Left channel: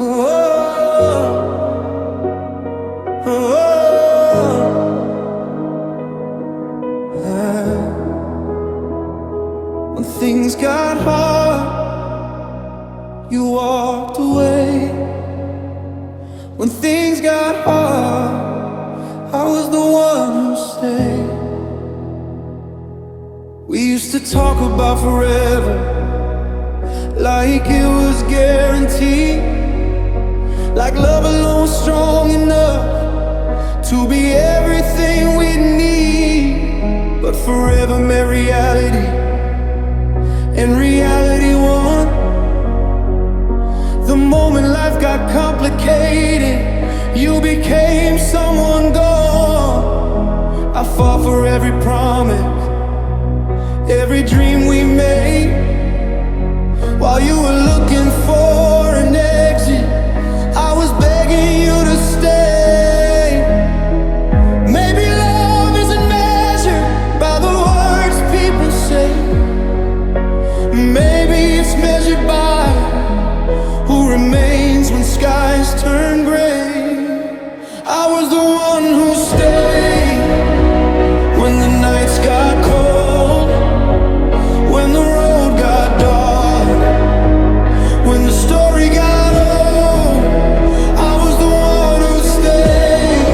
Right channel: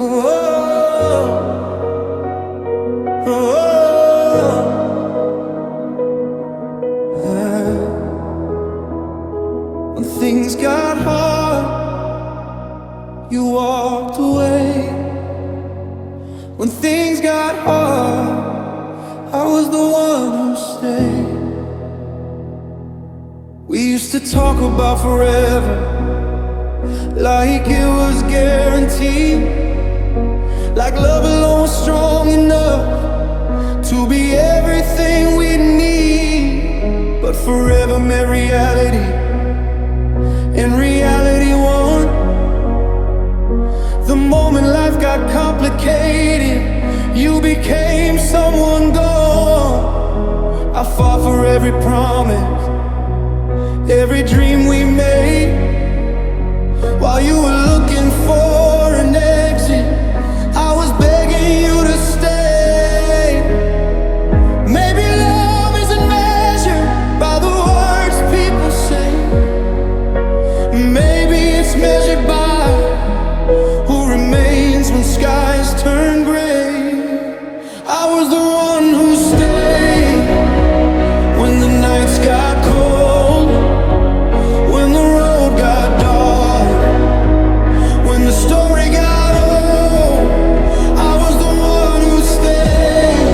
When things got hard, you walked away. When things got hard, I was the one who stayed. We used to talk about forever, like it was guaranteed, like love alone was strong enough to be everything we need. But forever met reality, and reality won. The moment life got complicated, you became someone gone. I fought for every promise, every dream we made, while you were looking for an exit. I was begging you to stay. Maybe love isn't measured by the words people say. Maybe it's measured by who remains when skies turn gray. I was the one who stayed when the nights got cold, when the road got dark, when the story got old. I was the one who stayed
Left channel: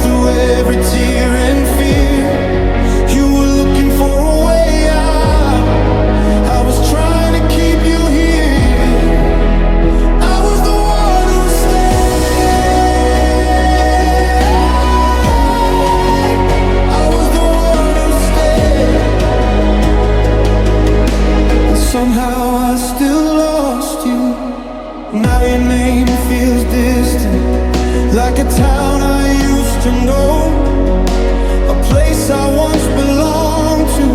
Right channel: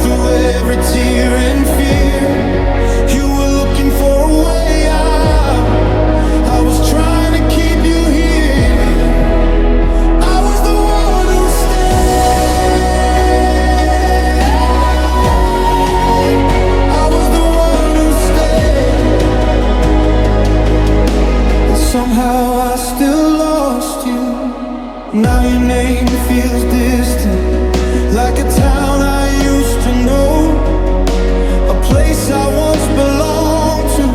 through every tear and fear. You were looking for a way out, I was trying to keep you here. I was the one who stayed. I was the one who stayed. And somehow I still lost you. Now your name feels distant, like a town I used to know, a place I once belonged to,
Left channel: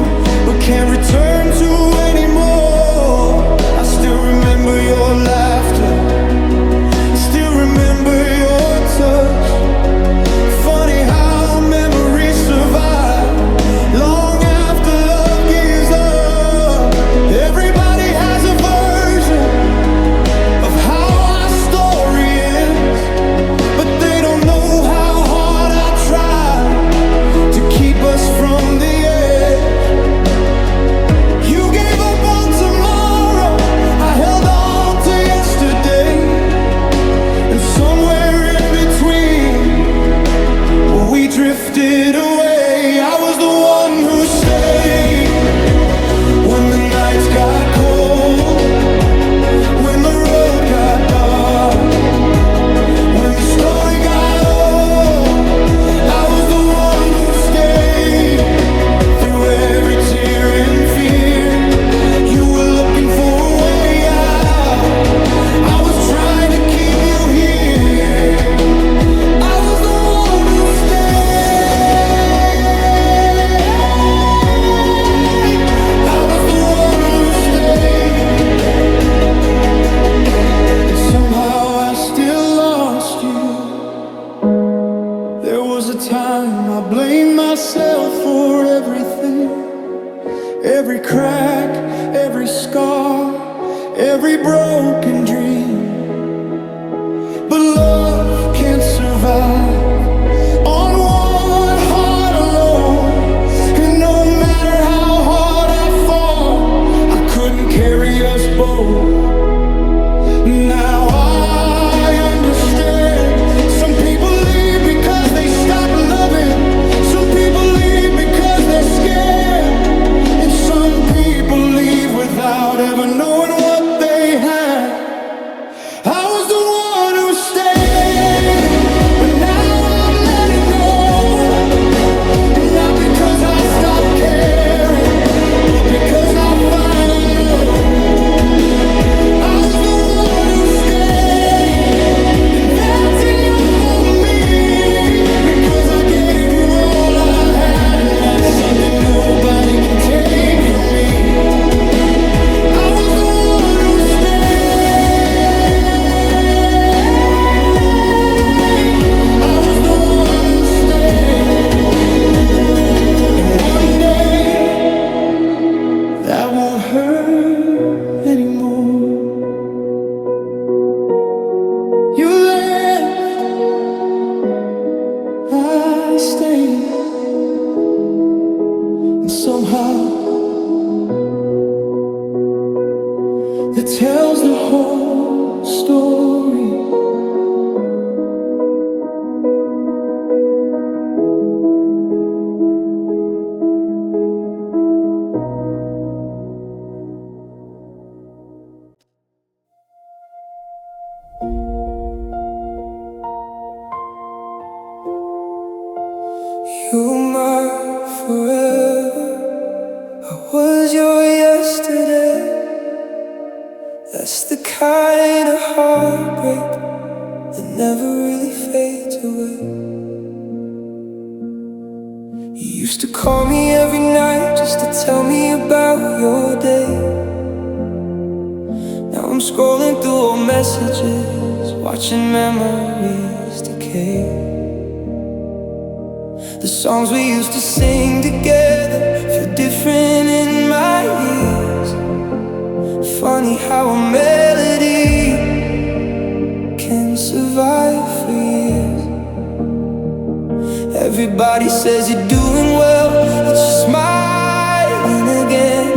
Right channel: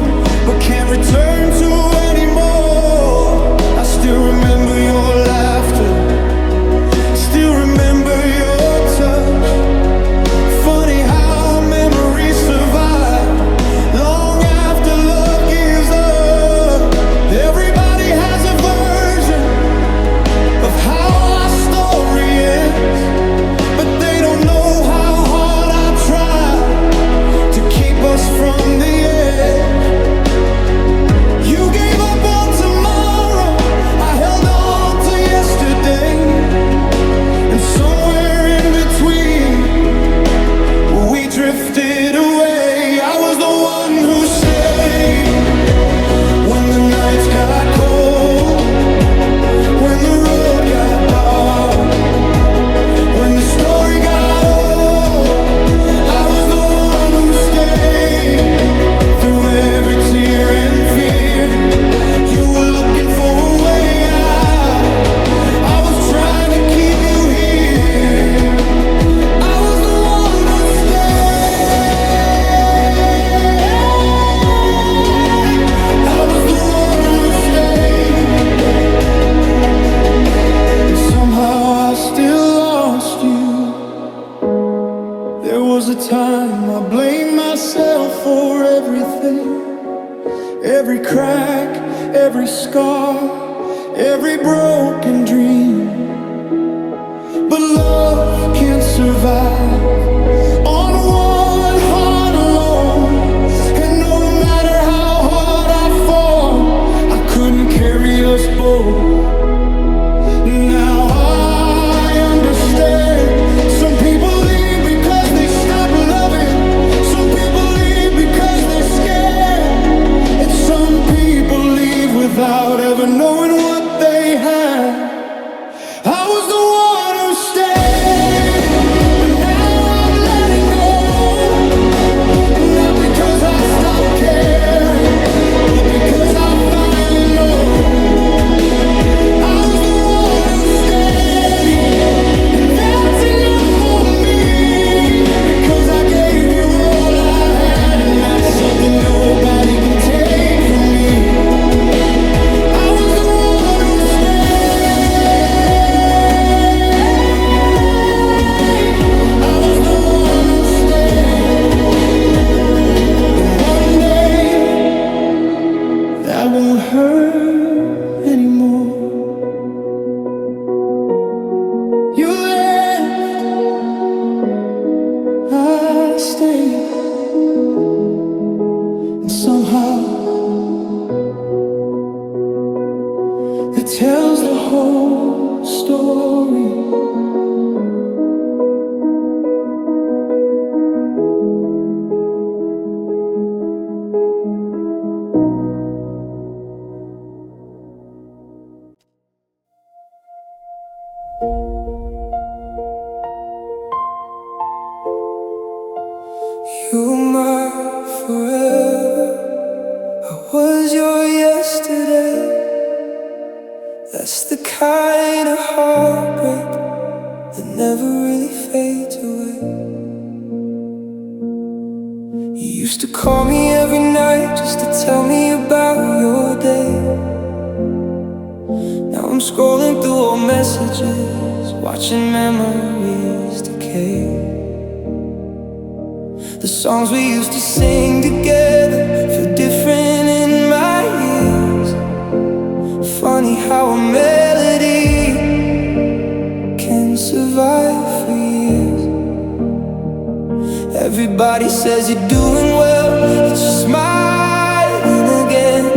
but can't return to anymore. I still remember your laughter, still remember your touch. Funny how memories survive long after love gives up. Everybody has a version of how our story ends, but they don't know how hard I tried to keep us from the edge. You gave up on tomorrow, I held on to yesterday, and somewhere in between we drifted away. I was the one who stayed when the nights got cold, when the road got dark, when the story got old. I was the one who stayed through every tear and fear. You were looking for a way out, I was trying to keep you here. I was the one who stayed. I was the one who stayed. And somehow I still lost you. There was a time I blamed myself for everything, every crack, every scar, every broken dream. But love can't survive on one heart alone, and no matter how hard I fought, I couldn't carry us both. Now I understand. Some people leave because they stop loving, some people leave because they're scared, and some people leave without ever knowing what they had. I was the one who stayed, but now I'm letting go. Not because I stopped caring, but because I finally know. I was the one who stayed, and that's enough for me, because I gave you all I had, and that's something nobody can take from me. I was the one who stayed. somehow that tells the whole story. You're my forever. I was your yesterday. That's the kind of heartbreak that never really fades away. You used to call me every night just to tell me about your day. Now I'm scrolling through old messages, watching memories decay. The songs we used to sing together feel different in my ears. Funny how a melody can survive for years. Everybody says you're doing well, that you're smiling again.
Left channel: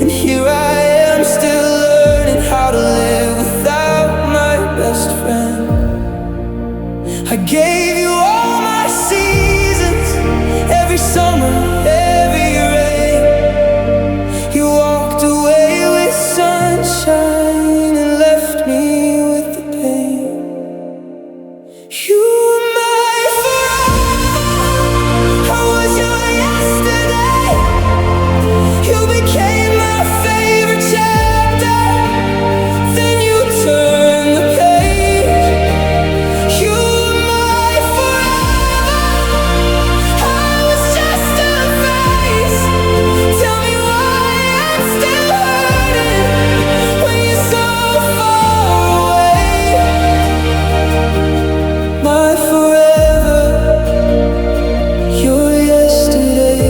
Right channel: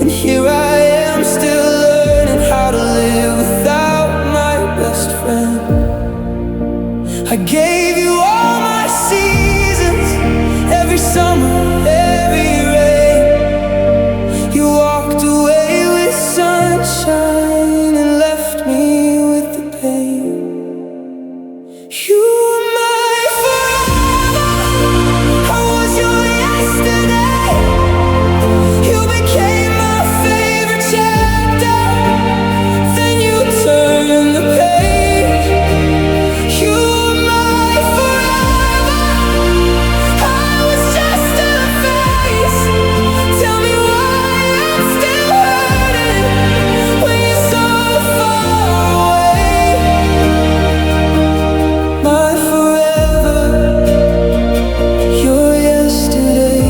And here I am still learning how to live without my best friend. I gave you all my seasons, every summer, every rain. You walked away with sunshine and left me with the pain. You were my forever. I was your yesterday. You became my favorite chapter. Then you turned the page. You forever, your yesterday.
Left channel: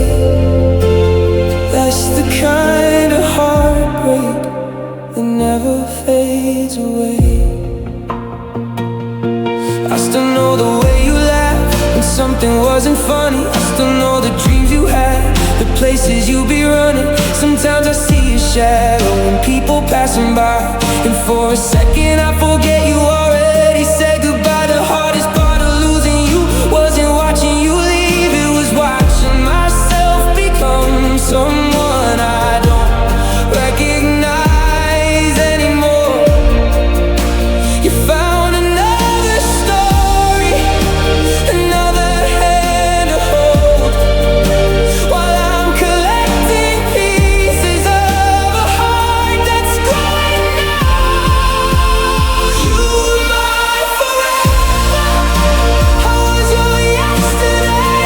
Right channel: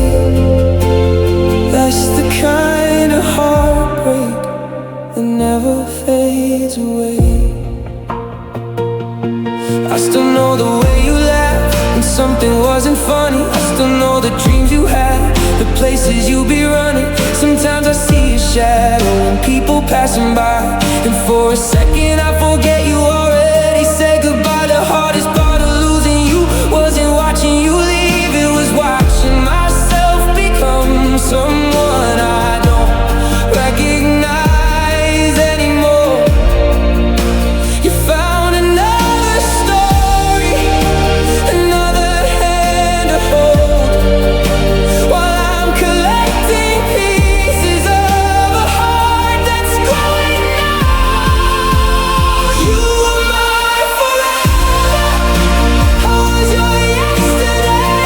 That's the kind of heartbreak that never fades away. I still know the way you laughed when something wasn't funny. I still know the dreams you had, the places you'll be running. Sometimes I see a shadow when people passing by, and for a second I forget you already said goodbye. The hardest part of losing you wasn't watching you leave, it was watching myself become someone I don't recognize anymore. You found another story, another hand to hold, while I'm collecting pieces of a heart that's growing old. You were my forever. I was your yesterday.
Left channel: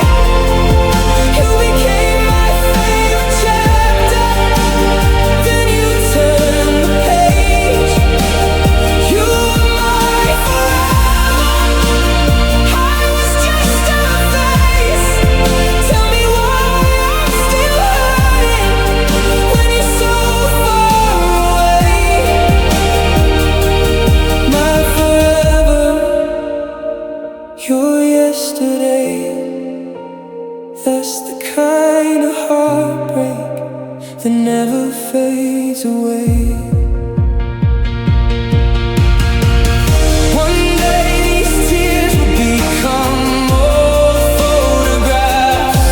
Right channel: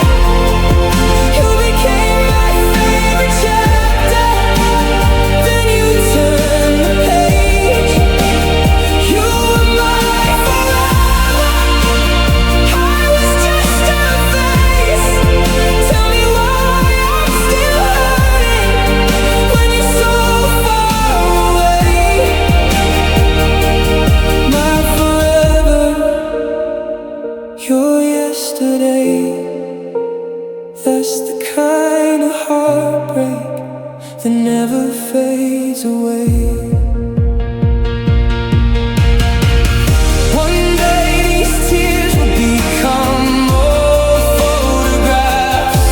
You became my favorite chapter. Then you turned the page. You were my forever. I was just a face. Tell me why I'm still hurting when you're so far away. My forever, your yesterday. That's the kind of heartbreak that never fades away. One day these tears will become old photographs.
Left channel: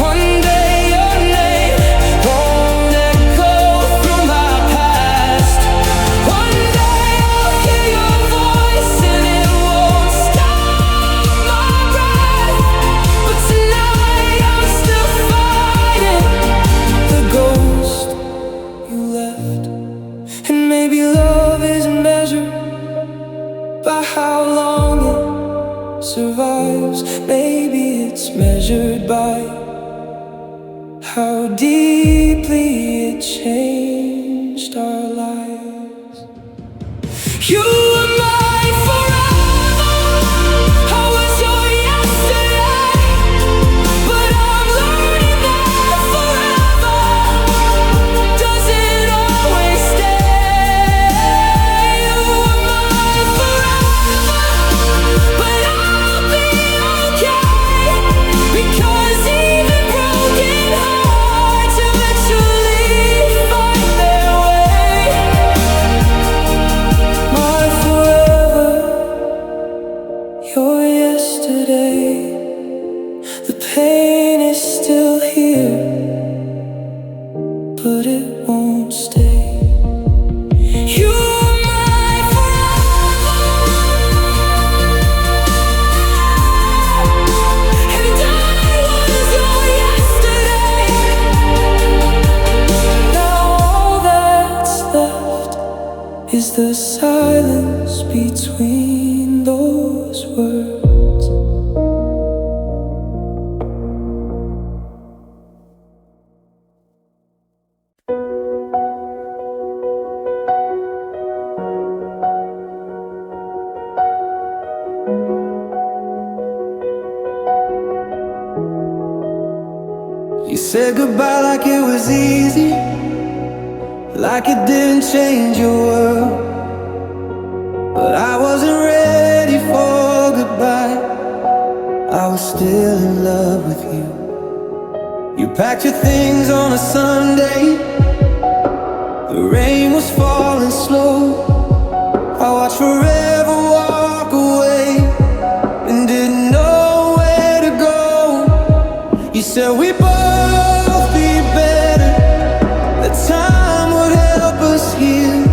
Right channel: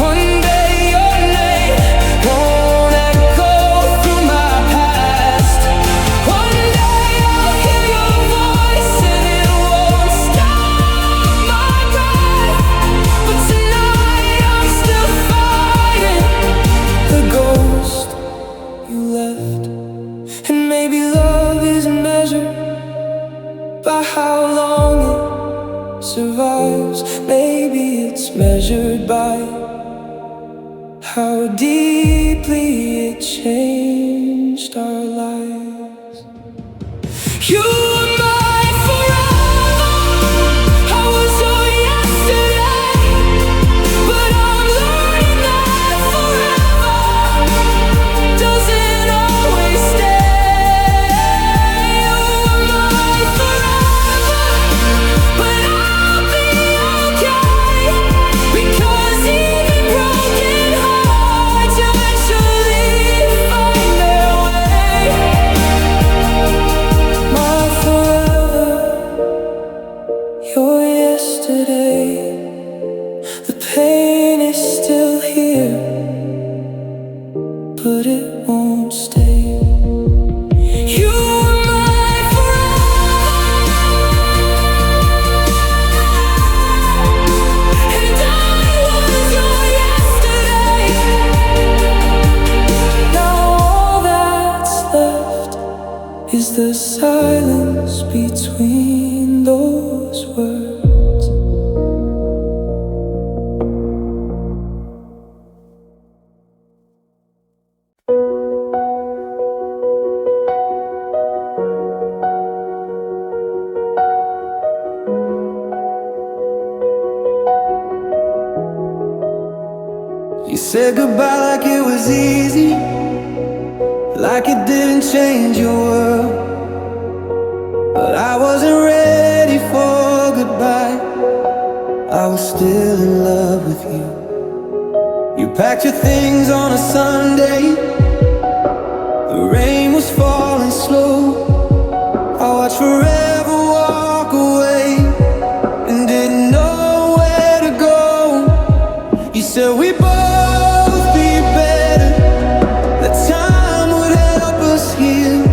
One day your name won't echo through my past. One day I'll hear your voice and it won't stop my breath. But tonight I'm still fighting the ghost you left. And maybe love isn't measured by how long it survives. Maybe it's measured by how deeply it changed our lives. You were my forever. I was your yesterday. But I'm learning that forever doesn't always stay. You were my forever. But I'll be okay, because won't stay. You were my forever, and I was your yesterday. Now all that's left is the silence between those words. You said goodbye like it was easy, like it didn't change your world. But I wasn't ready for goodbye. I was still in love with you. You packed your things on a Sunday. The rain was falling slow. I watched forever walk away and didn't know where to go. You said we both be better, that time would help us heal.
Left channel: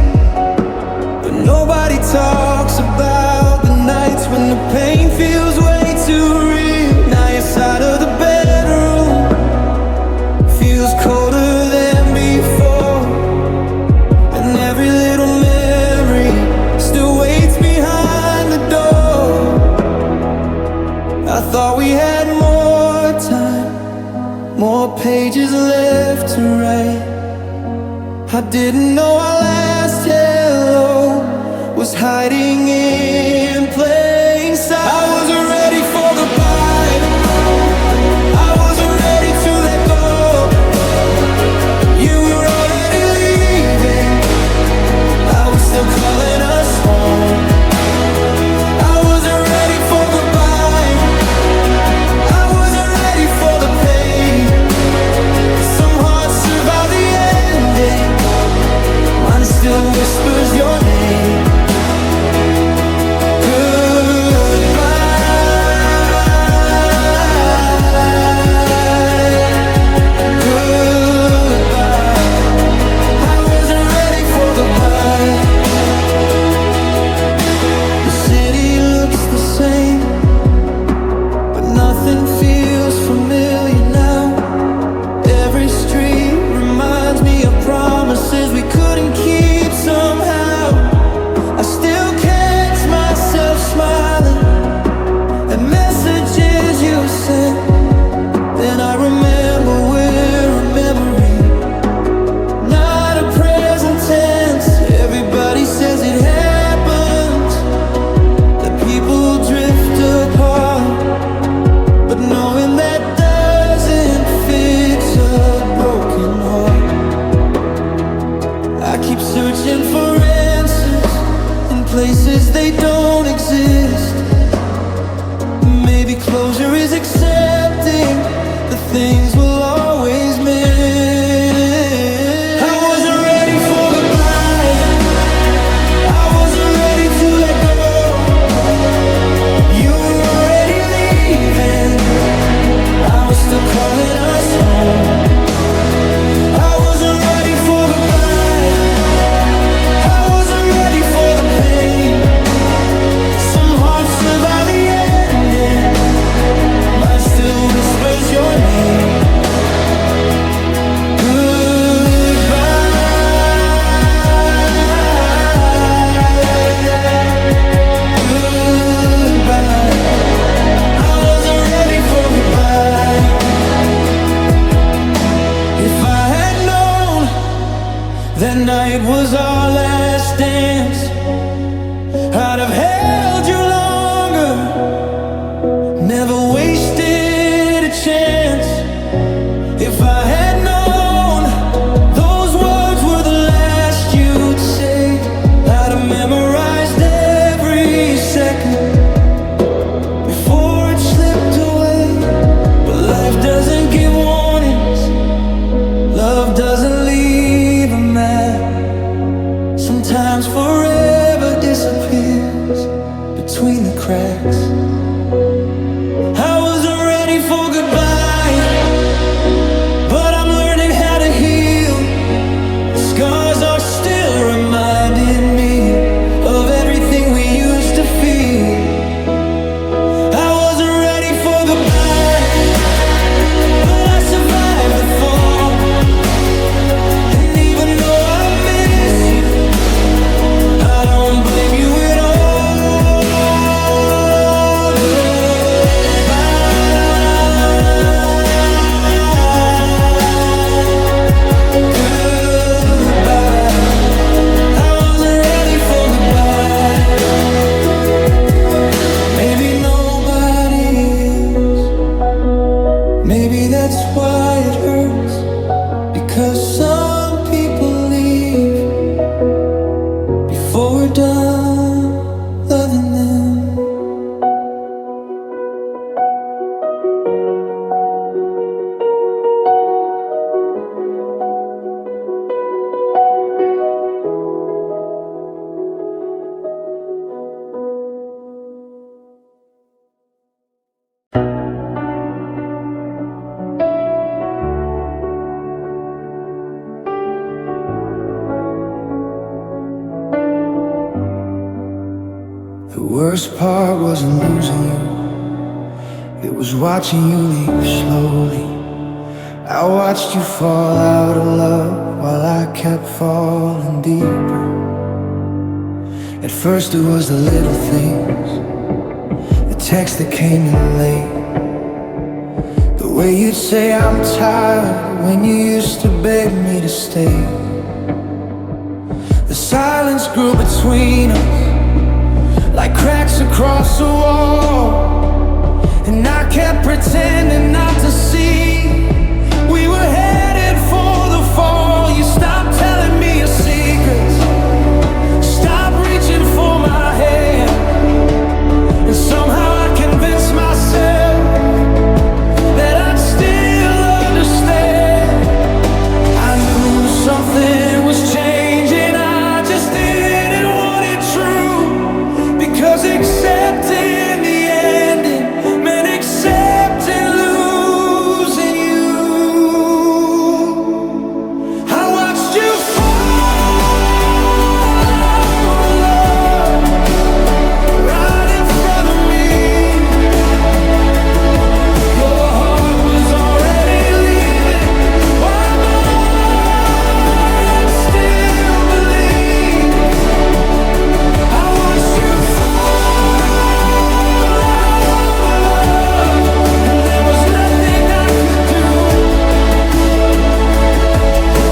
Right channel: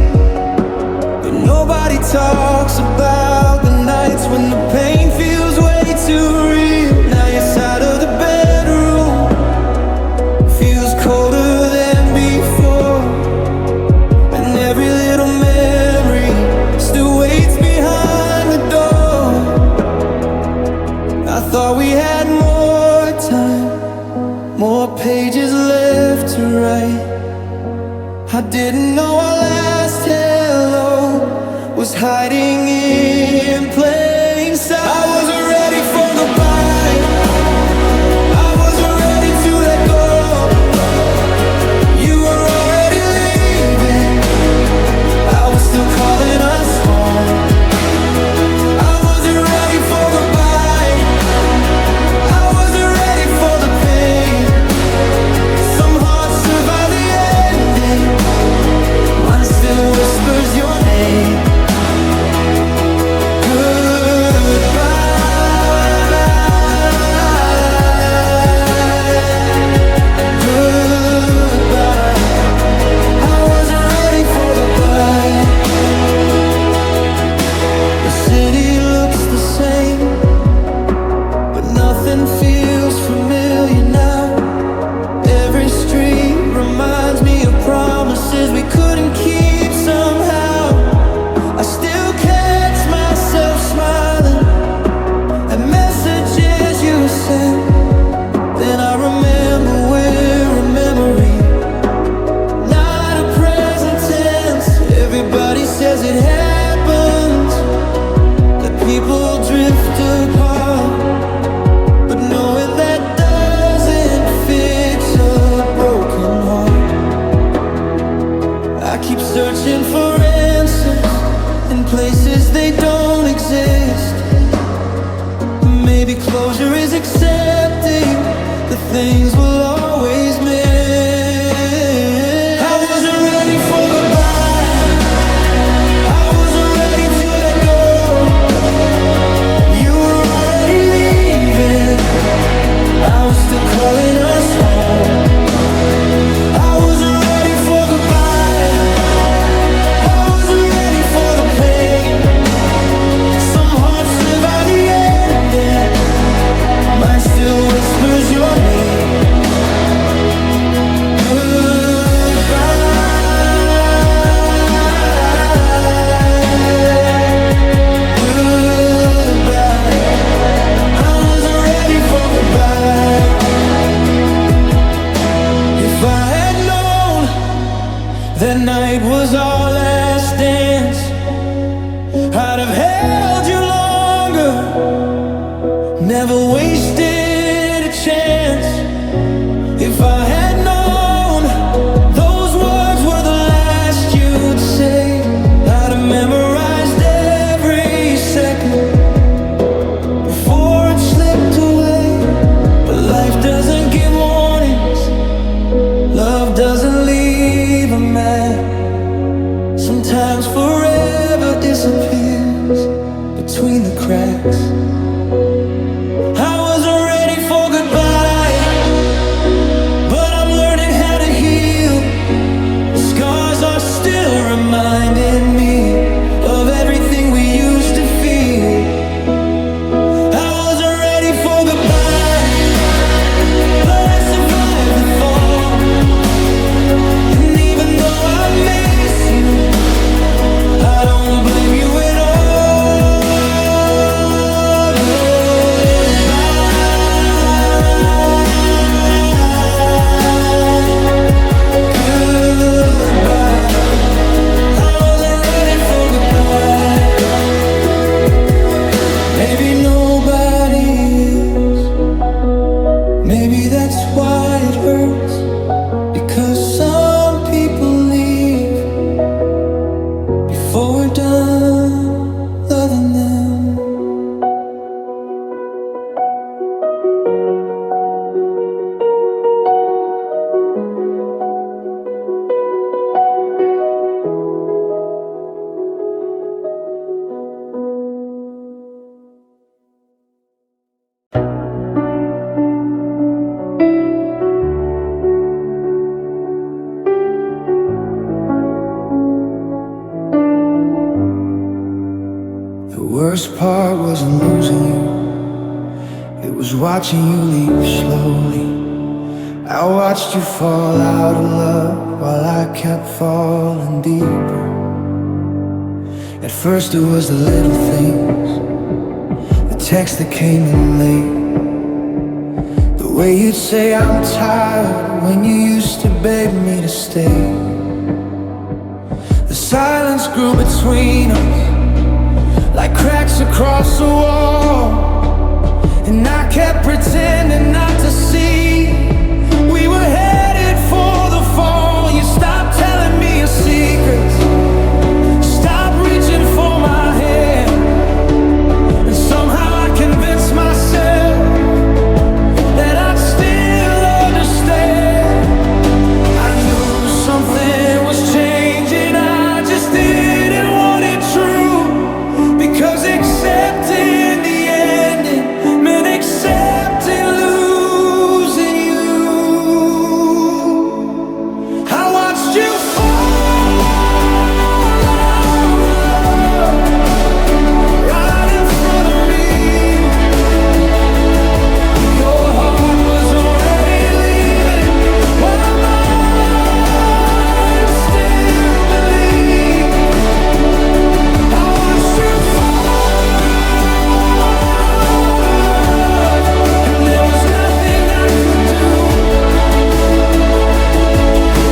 But nobody talks about the nights when the pain feels way too real. Now your side of the bedroom feels colder than before, and every little memory still waits behind the door. I thought we had more time, more pages left to write. I didn't know our last hello was hiding in plain sight. I wasn't ready for goodbye. I wasn't ready to let go. You were already leaving. I was still calling us home. I wasn't ready for goodbye. I wasn't ready for the pain. Some hearts survive the ending. Mine still whispers your name. Goodbye, goodbye. I wasn't ready for goodbye. The city looks the same, but nothing feels familiar now. Every street reminds me of promises we couldn't keep somehow. I still catch myself smiling at messages you sent. Then I remember we're a memory, not a present tense. Everybody says it happens, that people drift apart, but knowing that doesn't fix a broken heart. I keep searching for answers in places they don't exist. Maybe closure is accepting the things we'll always miss. I wasn't ready for goodbye. I wasn't ready to let go. You were already leaving. I was still calling us home. I wasn't ready for goodbye. I wasn't ready for the pain. Some hearts survive the ending. Mine still whispers your name. Goodbye, goodbye. I wasn't ready for goodbye. If I had known that night was our last dance, I'd have held you longer, never wasted a chance. If I had known those words were the last you'd say, I'd have memorized every second before it slipped away. But life doesn't give warnings, love doesn't leave a map. Sometimes forever disappears between the cracks. I wasn't ready for goodbye, but I'm learning how to heal the scars stars are still reminding me of everything we used to feel. I wasn't ready for goodbye, but I survived the fall. And even though I miss you, I don't blame you at all. Maybe nobody is. Maybe that's why it hurts, because some people leave before we're done loving them. The worst part wasn't losing you, it was watching you leave slowly. I watched you fall out of love while I kept falling deeper. At first it was the little things, the text that came in late, the way you'd say I'm tired when you used to beg me to stay. The silence grew between us like cracks across a wall, and I kept pretending not to see we were headed for the fall. You stopped telling me your secrets, stopped reaching for my hand, and somehow I convinced myself that I'd still understand. I knew something was changing, I just didn't want it true, because accepting the ending meant accepting losing you. I watched you fall out of love right in front of me. Your heart was already leaving while mine still believed. I watched you fall out of love, and there was nothing I could do,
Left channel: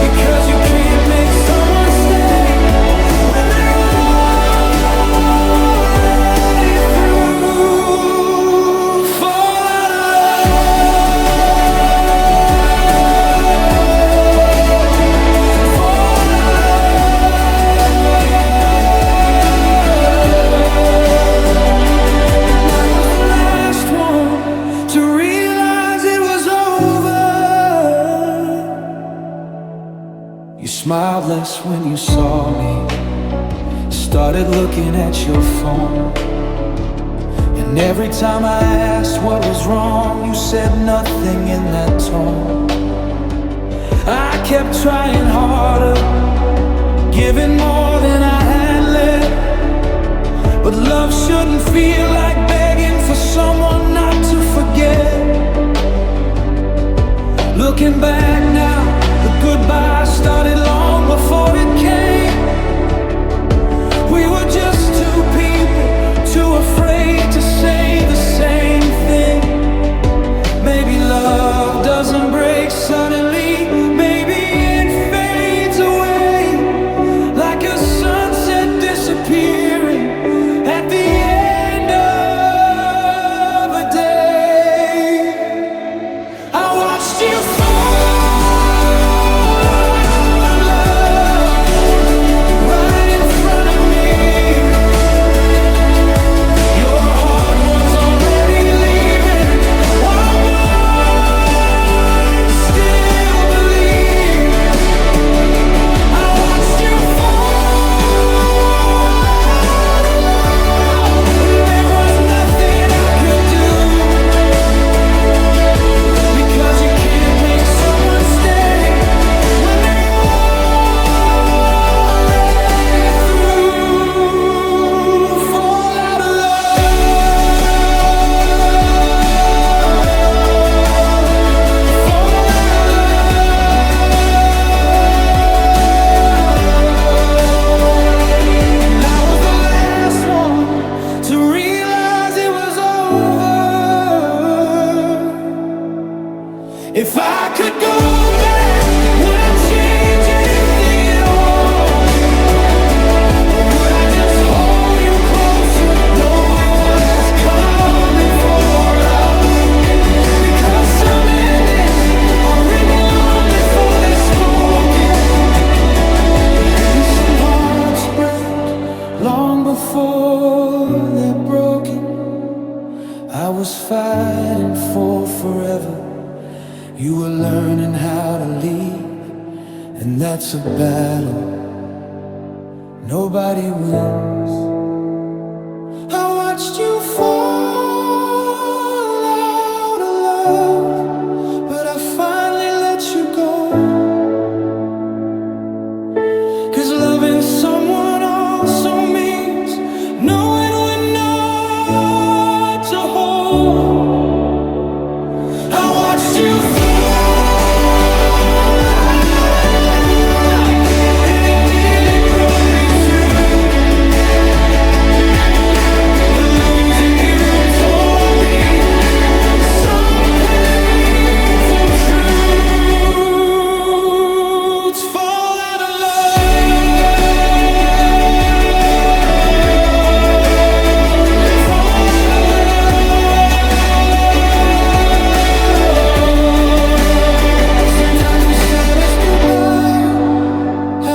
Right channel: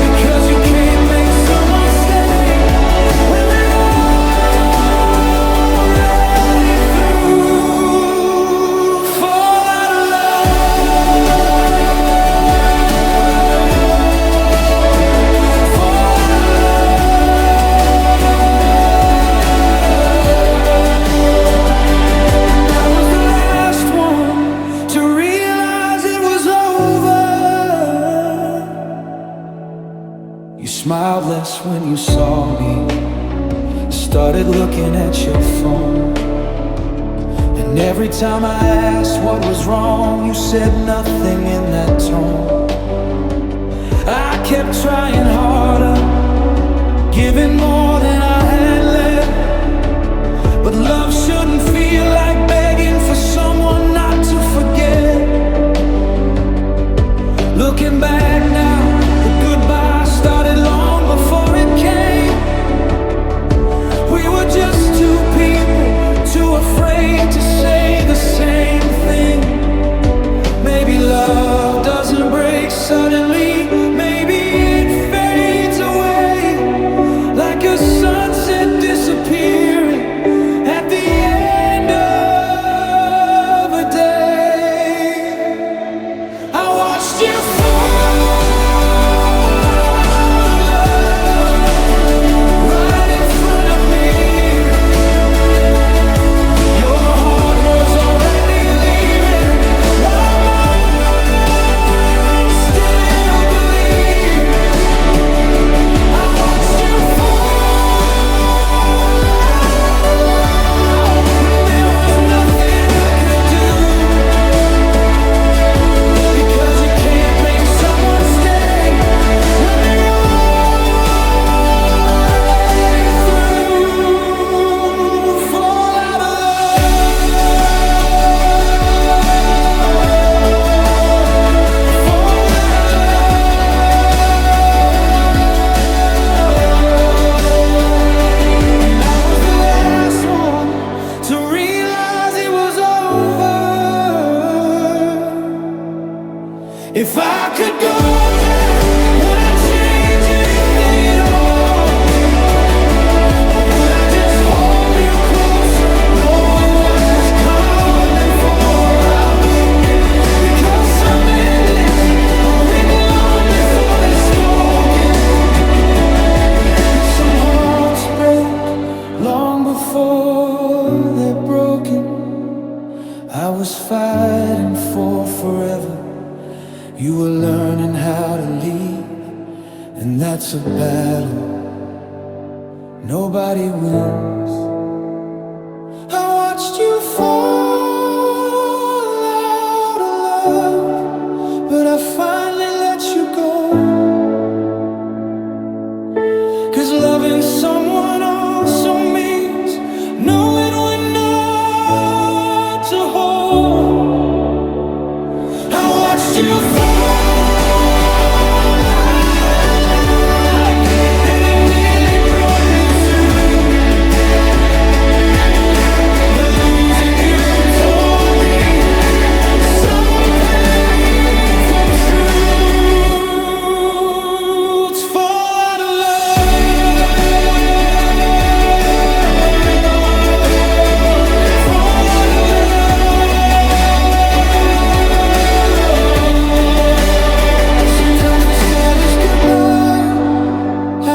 because you can't make someone stay when they're already through. Fall out of love, fall out of love. And I was the last one to realize it was over. You smiled less when you saw me, started looking at your phone, and every time I asked what was wrong, you said nothing in that tone. I kept trying harder, giving more than I had left, but love shouldn't feel like begging for someone not to forget. Looking back now, the goodbye started long before it came. We were just two people, too afraid to say the same thing. Maybe love doesn't break suddenly, maybe it fades away like a sunset disappearing at the end of a day. I watched you fall out of love right in front of me. Your heart was already leaving while mine still believed. I watched you fall out If I could go back, would I change anything at all? Or would I just hold you closer, knowing what was coming for us? Because some endings are written long before they're spoken, and some hearts break long before they're broken. I was fighting for forever, you were learning how to leave, and that's a battle nobody wins. I watched you fall out of love, but I finally let you go. 'Cause loving someone also means knowing we're not a whole. I watched you fall.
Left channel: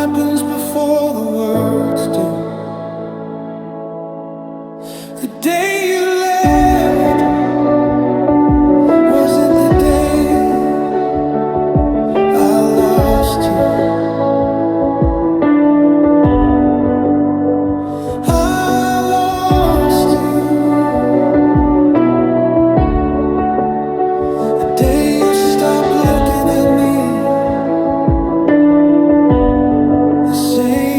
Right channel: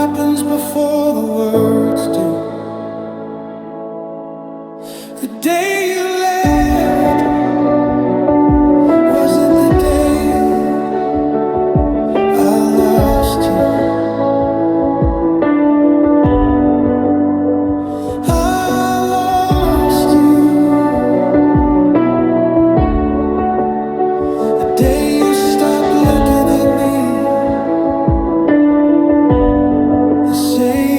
Happens before the words do. The day you left wasn't the day I lost you. I lost you. The day you stopped looking at me the same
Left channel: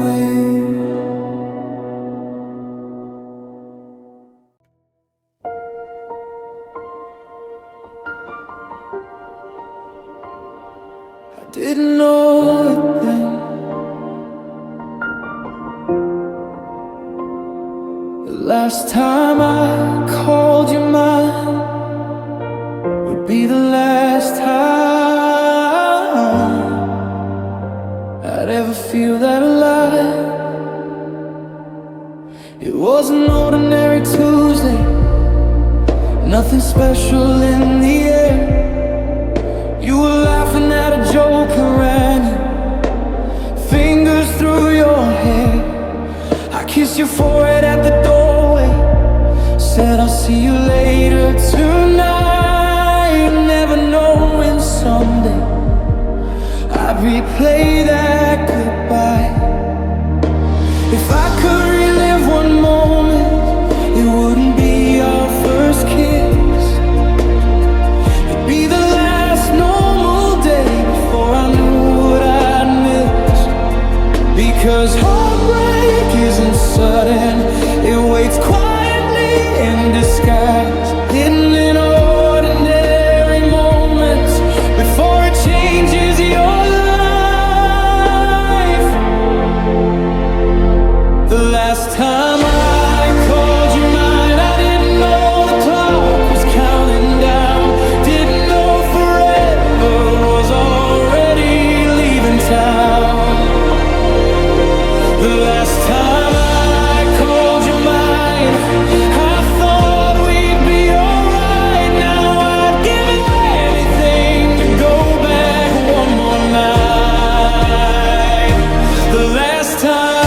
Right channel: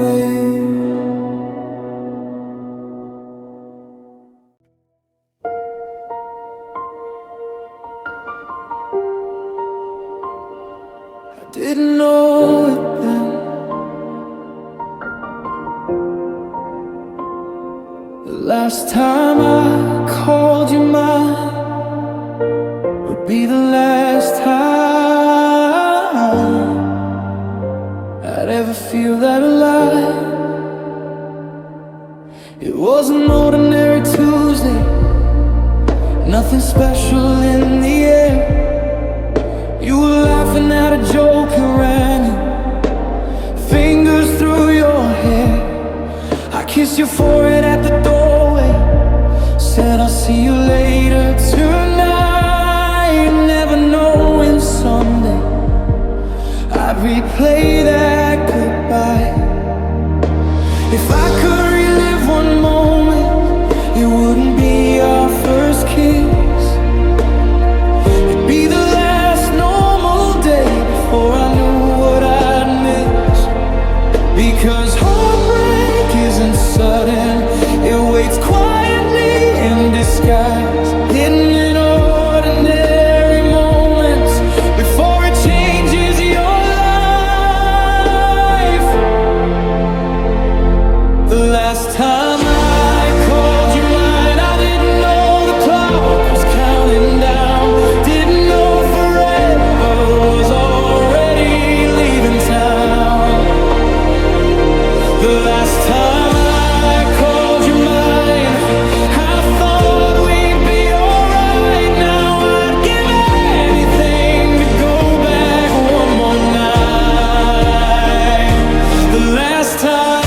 way. I didn't know it then. The last time I called you mine would be the last time I'd ever feel that alive. It was an ordinary Tuesday, nothing special in the air. You were laughing at a joke and ran it, fingers through your hair. I kissed your forehead at the doorway, said I'll see you later tonight, never knowing someday I'd replay that goodbye. If I could relive one moment, it wouldn't be our first kiss. It'd be the last normal day before I knew what I'd missed. Because heartbreak isn't sudden, it waits quietly in disguise, hidden in ordinary moments before it changes your life. The last time I called you mine, I didn't know the clock was counting down, didn't know forever was already leaving town. The last time I called you mine, I thought we'd be alright. Now I'd give anything to go back one more night. The last time,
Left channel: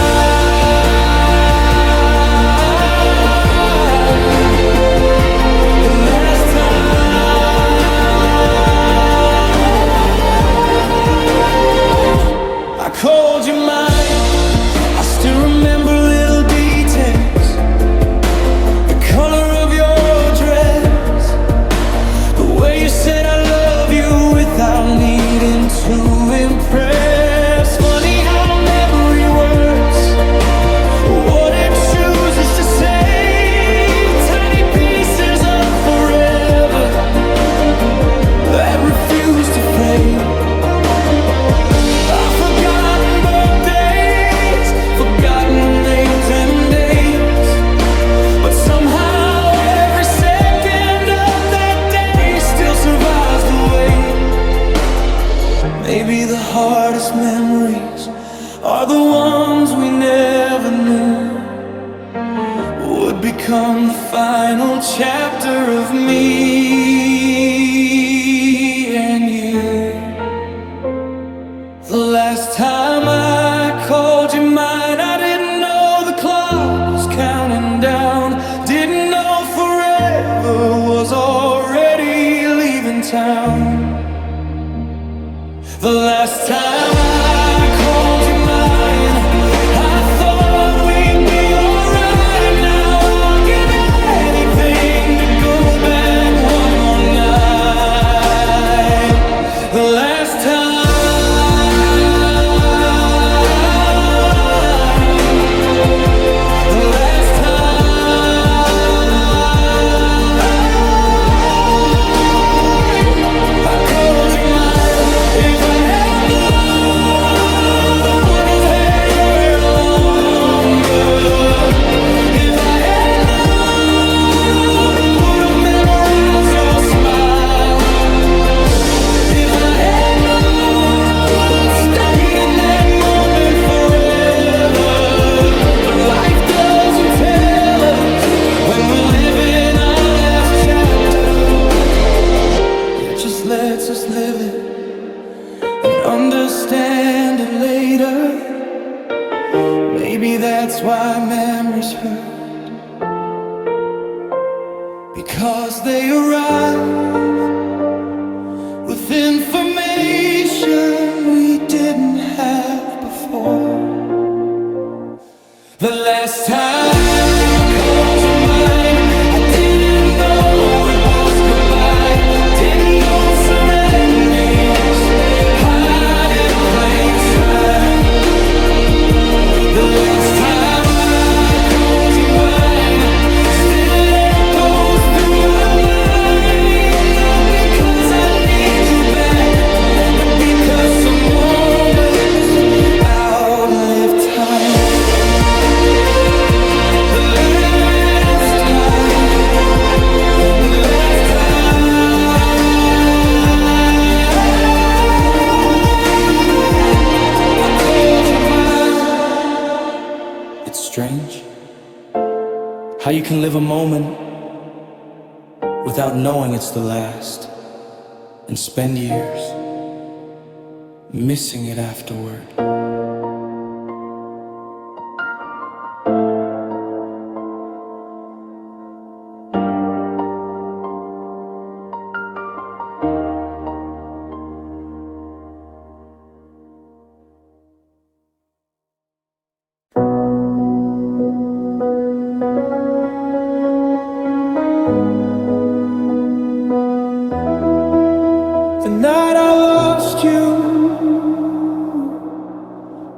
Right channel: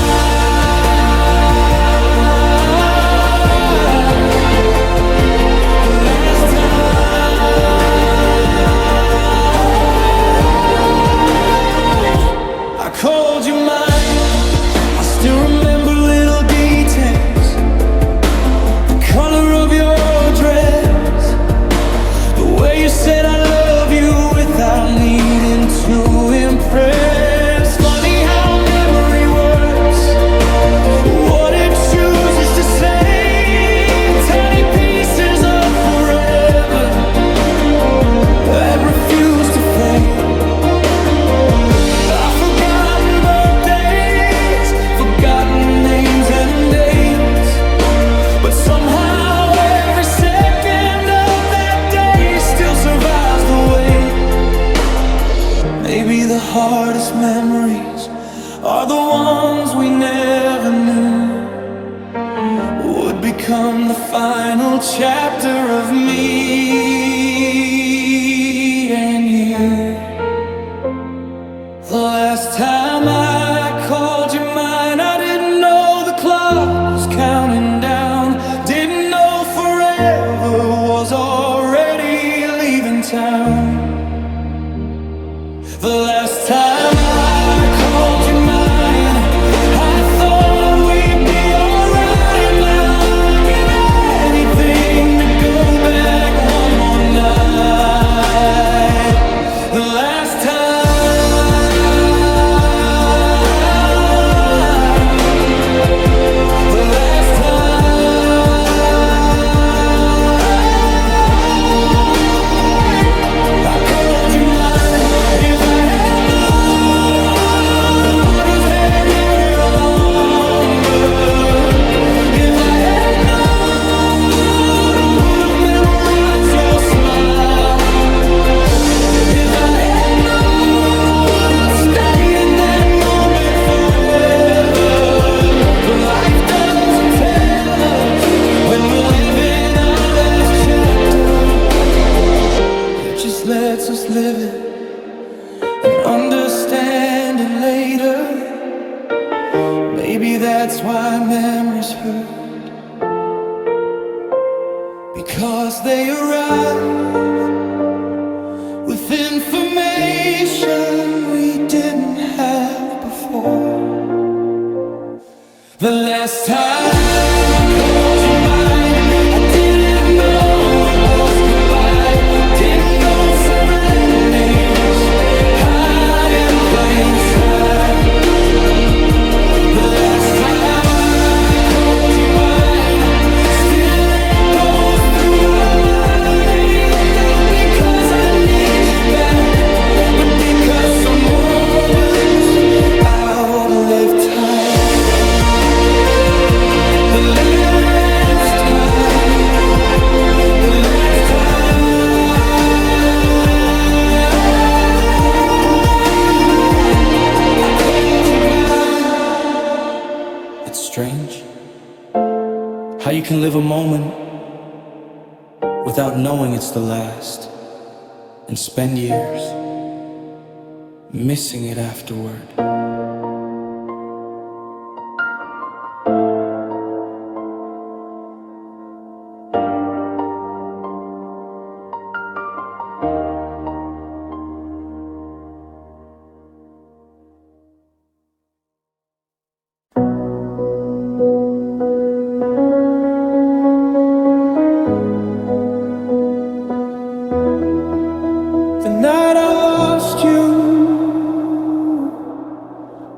the last time I called you mine, I still remember little details, the color of your dress, the way you said I love you without needing to impress. Funny how memory works, what it chooses to save, tiny pieces of forever that refuse to fade. I've forgotten birthdays, forgotten names and dates, but somehow every second of that day darkest memories are the ones we never knew would become the final chapter of me and you. The last time I called you mine, I didn't know the clock was counting down. Didn't know forever was already leaving town. The last time I called you mine, I thought we'd be alright. Now I'd give anything to go back one more night. The last time, the last time I called you mine. If I had known I would have had your hair longer. If I had known I would have memorized your smile. If I had known I would have stayed in that moment forever. But life doesn't tell us when we're living our last chapter. It just lets us live it and understand it later. Maybe that's why memories hurt, because they arrive with information we didn't have before. The last time I called you mine, I didn't know it was goodbye. Didn't know surrenders hide in plain sight. The last time I called you mine still echoes through my mind. Not because I need you back, but because some moments outlive time. The last time, the last time I called you mine. It's strange how you can live a moment without knowing it's the last, and spend years missing it afterward. The night I lost you,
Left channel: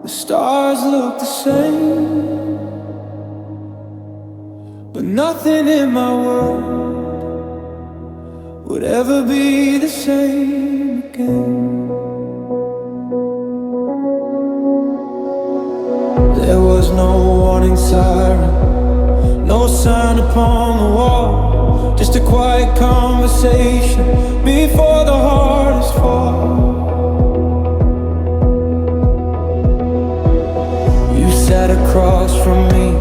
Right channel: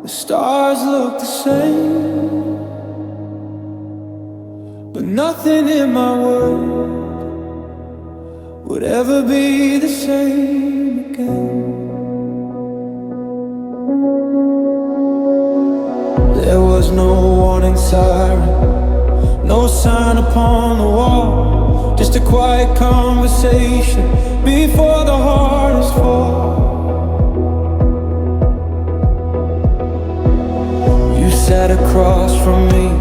the stars look the same, but nothing in my world would ever be the same again. There was no warning siren, no sign upon the wall, just a quiet conversation before the hardest fall. You sat across from me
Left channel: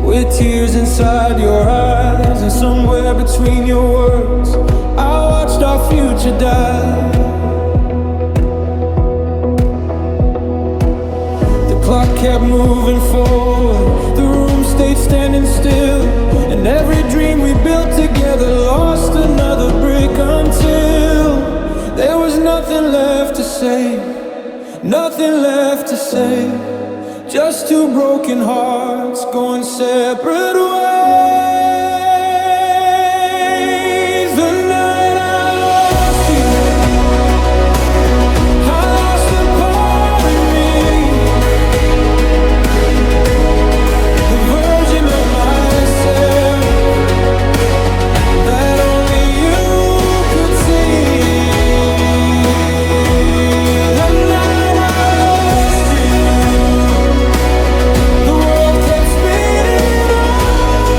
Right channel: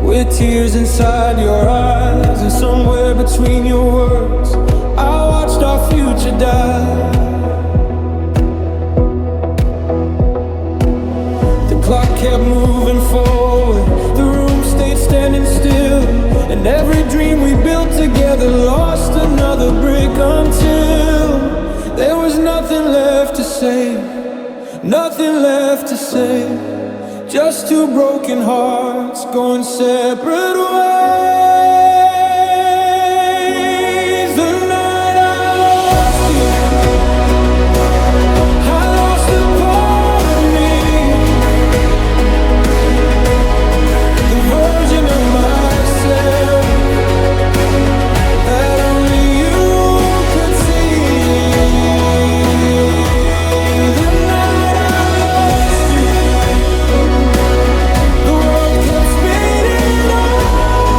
with tears inside your eyes, and somewhere between your words I watched our future die. The clock kept moving forward, the room stayed standing still, and every dream we built together lost another brick until there was nothing left to say, nothing left to say. Just two broken hearts going separate ways. The night I lost you, I lost a part of me, the version of myself that only you could see. The night I lost you, the world kept spinning on.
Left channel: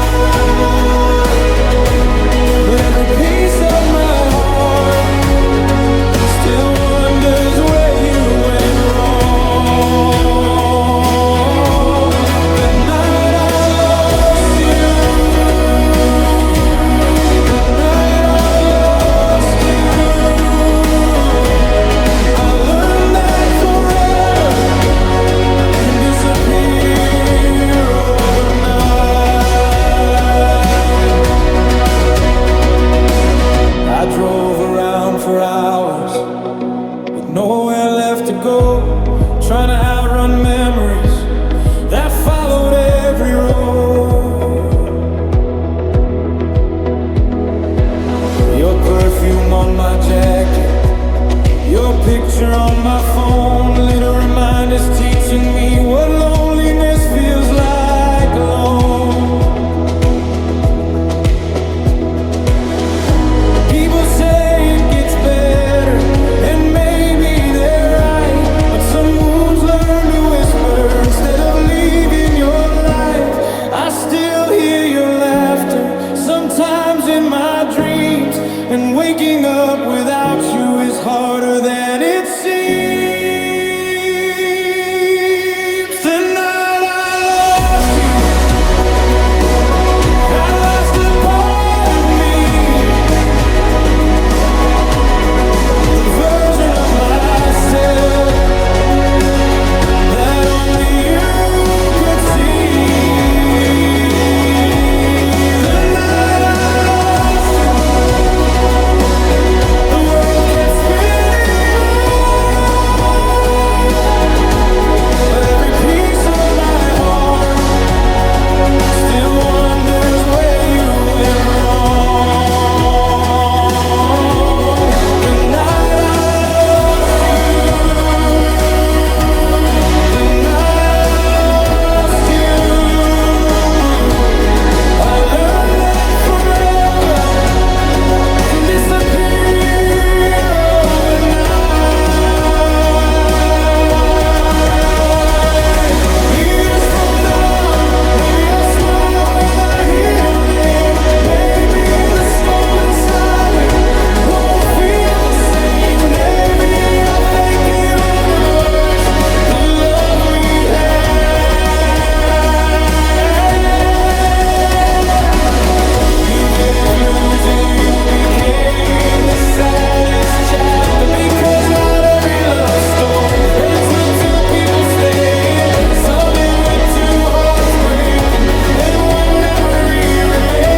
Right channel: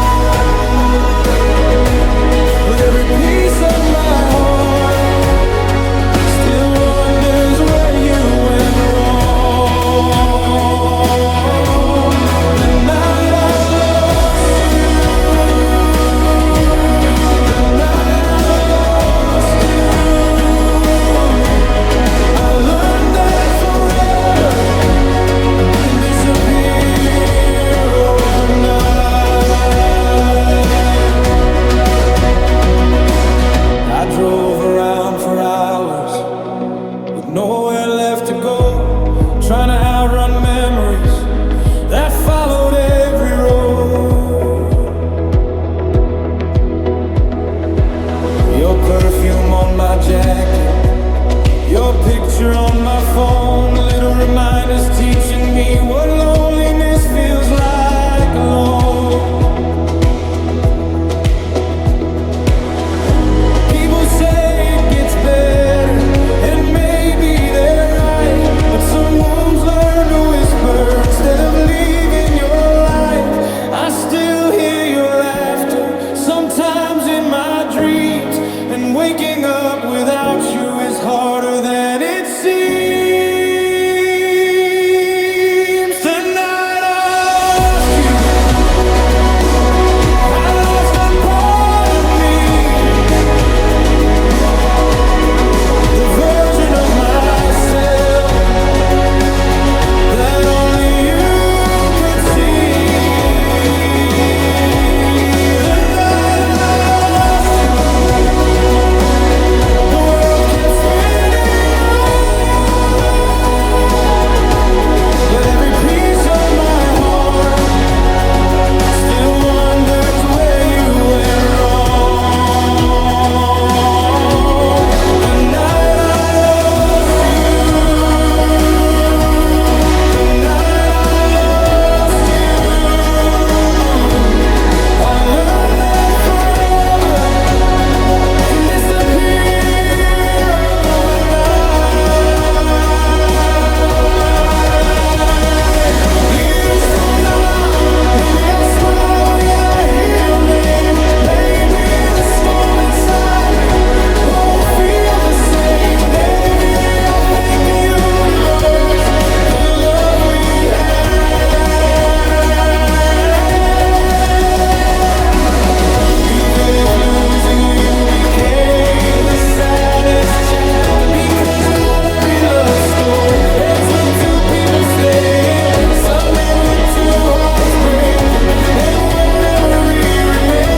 trying to outrun memories that followed every road. Your perfume on my jacket, your picture on my phone, little reminders teaching me what loneliness feels like alone. People say it gets better, and maybe they're right, but some wounds learn to whisper instead of leaving your life. I still hear your laughter, sometimes in my dreams, and waking up without you is harder than it seems. The night I lost you, I lost a part of me, the version of myself that only you could see. The night I lost you, the world kept spinning on, but every piece of my heart still wonders where you went wrong. The night I lost you, the night I lost you, I learned that forever can disappear overnight. Years from now, maybe I'll smile when I hear your name. Maybe the storm inside me won't feel the same. Maybe I'll thank the universe for the love we had. Even if losing you became the saddest chapter, because not every love story ends with two people staying. Some end with two hearts breaking and one memory remaining.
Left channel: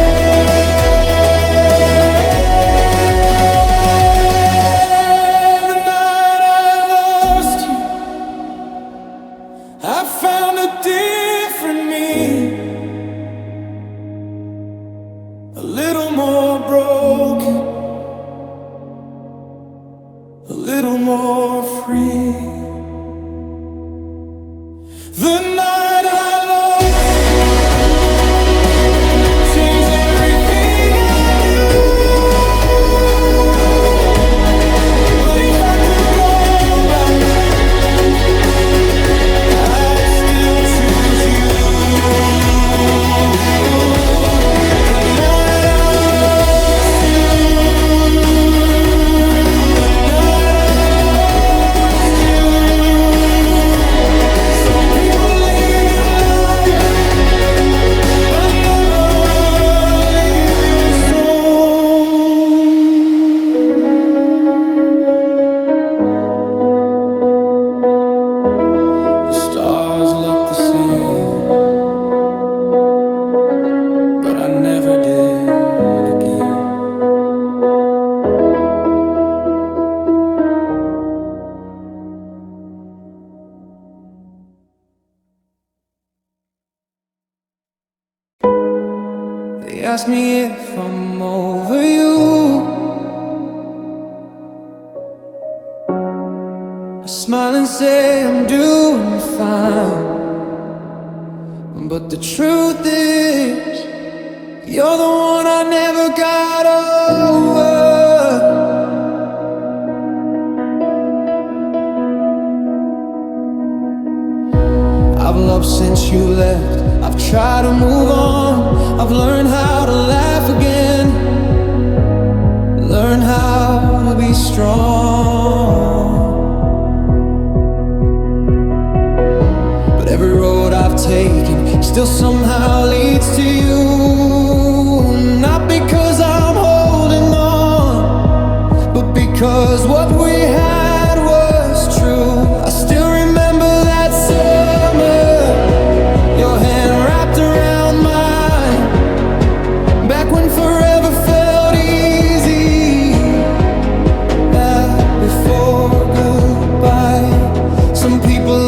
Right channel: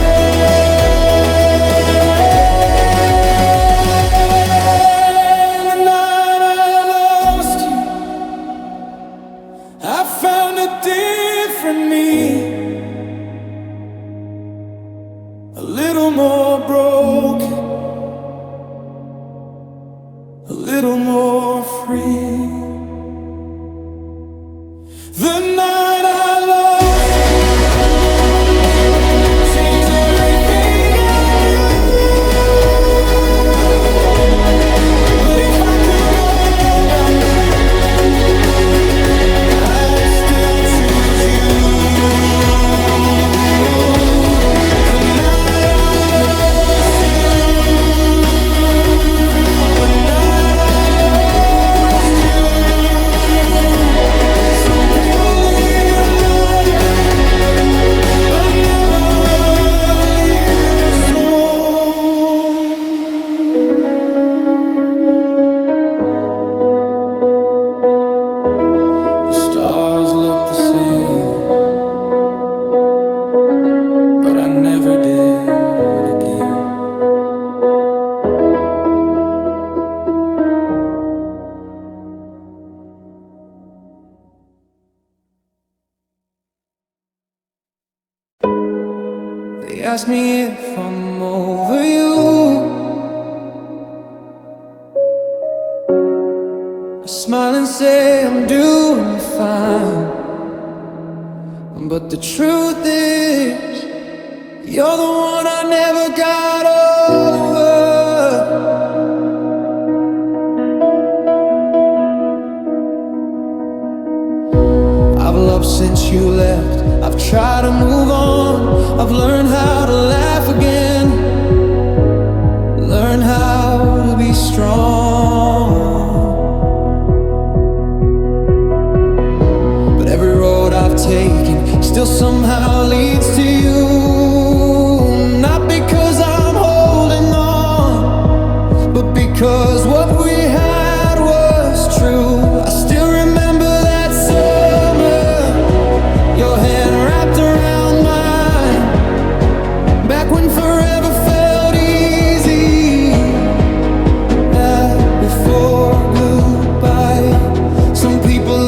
The night I lost you, I found a different me, a little more broken, a little more free. The night I lost you changed everything I knew. But if I could go back, I'd still choose you. The night I lost you, the night I lost you. Some people leave your life, but never leave your soul. The stars look the same, but I never did again. They ask me if I'm over you, I smile and say I'm doing fine, but the truth is, you're the one I never got over. I've loved since you left, I've tried to move on, I've learned how to laugh again, learn how to be strong. But every road I've taken still somehow leads to you. Not because I'm holding on, but because what we had was true. I still remember that summer, your hand wrapped around mine, back when forever felt easy, back before goodbye. Some people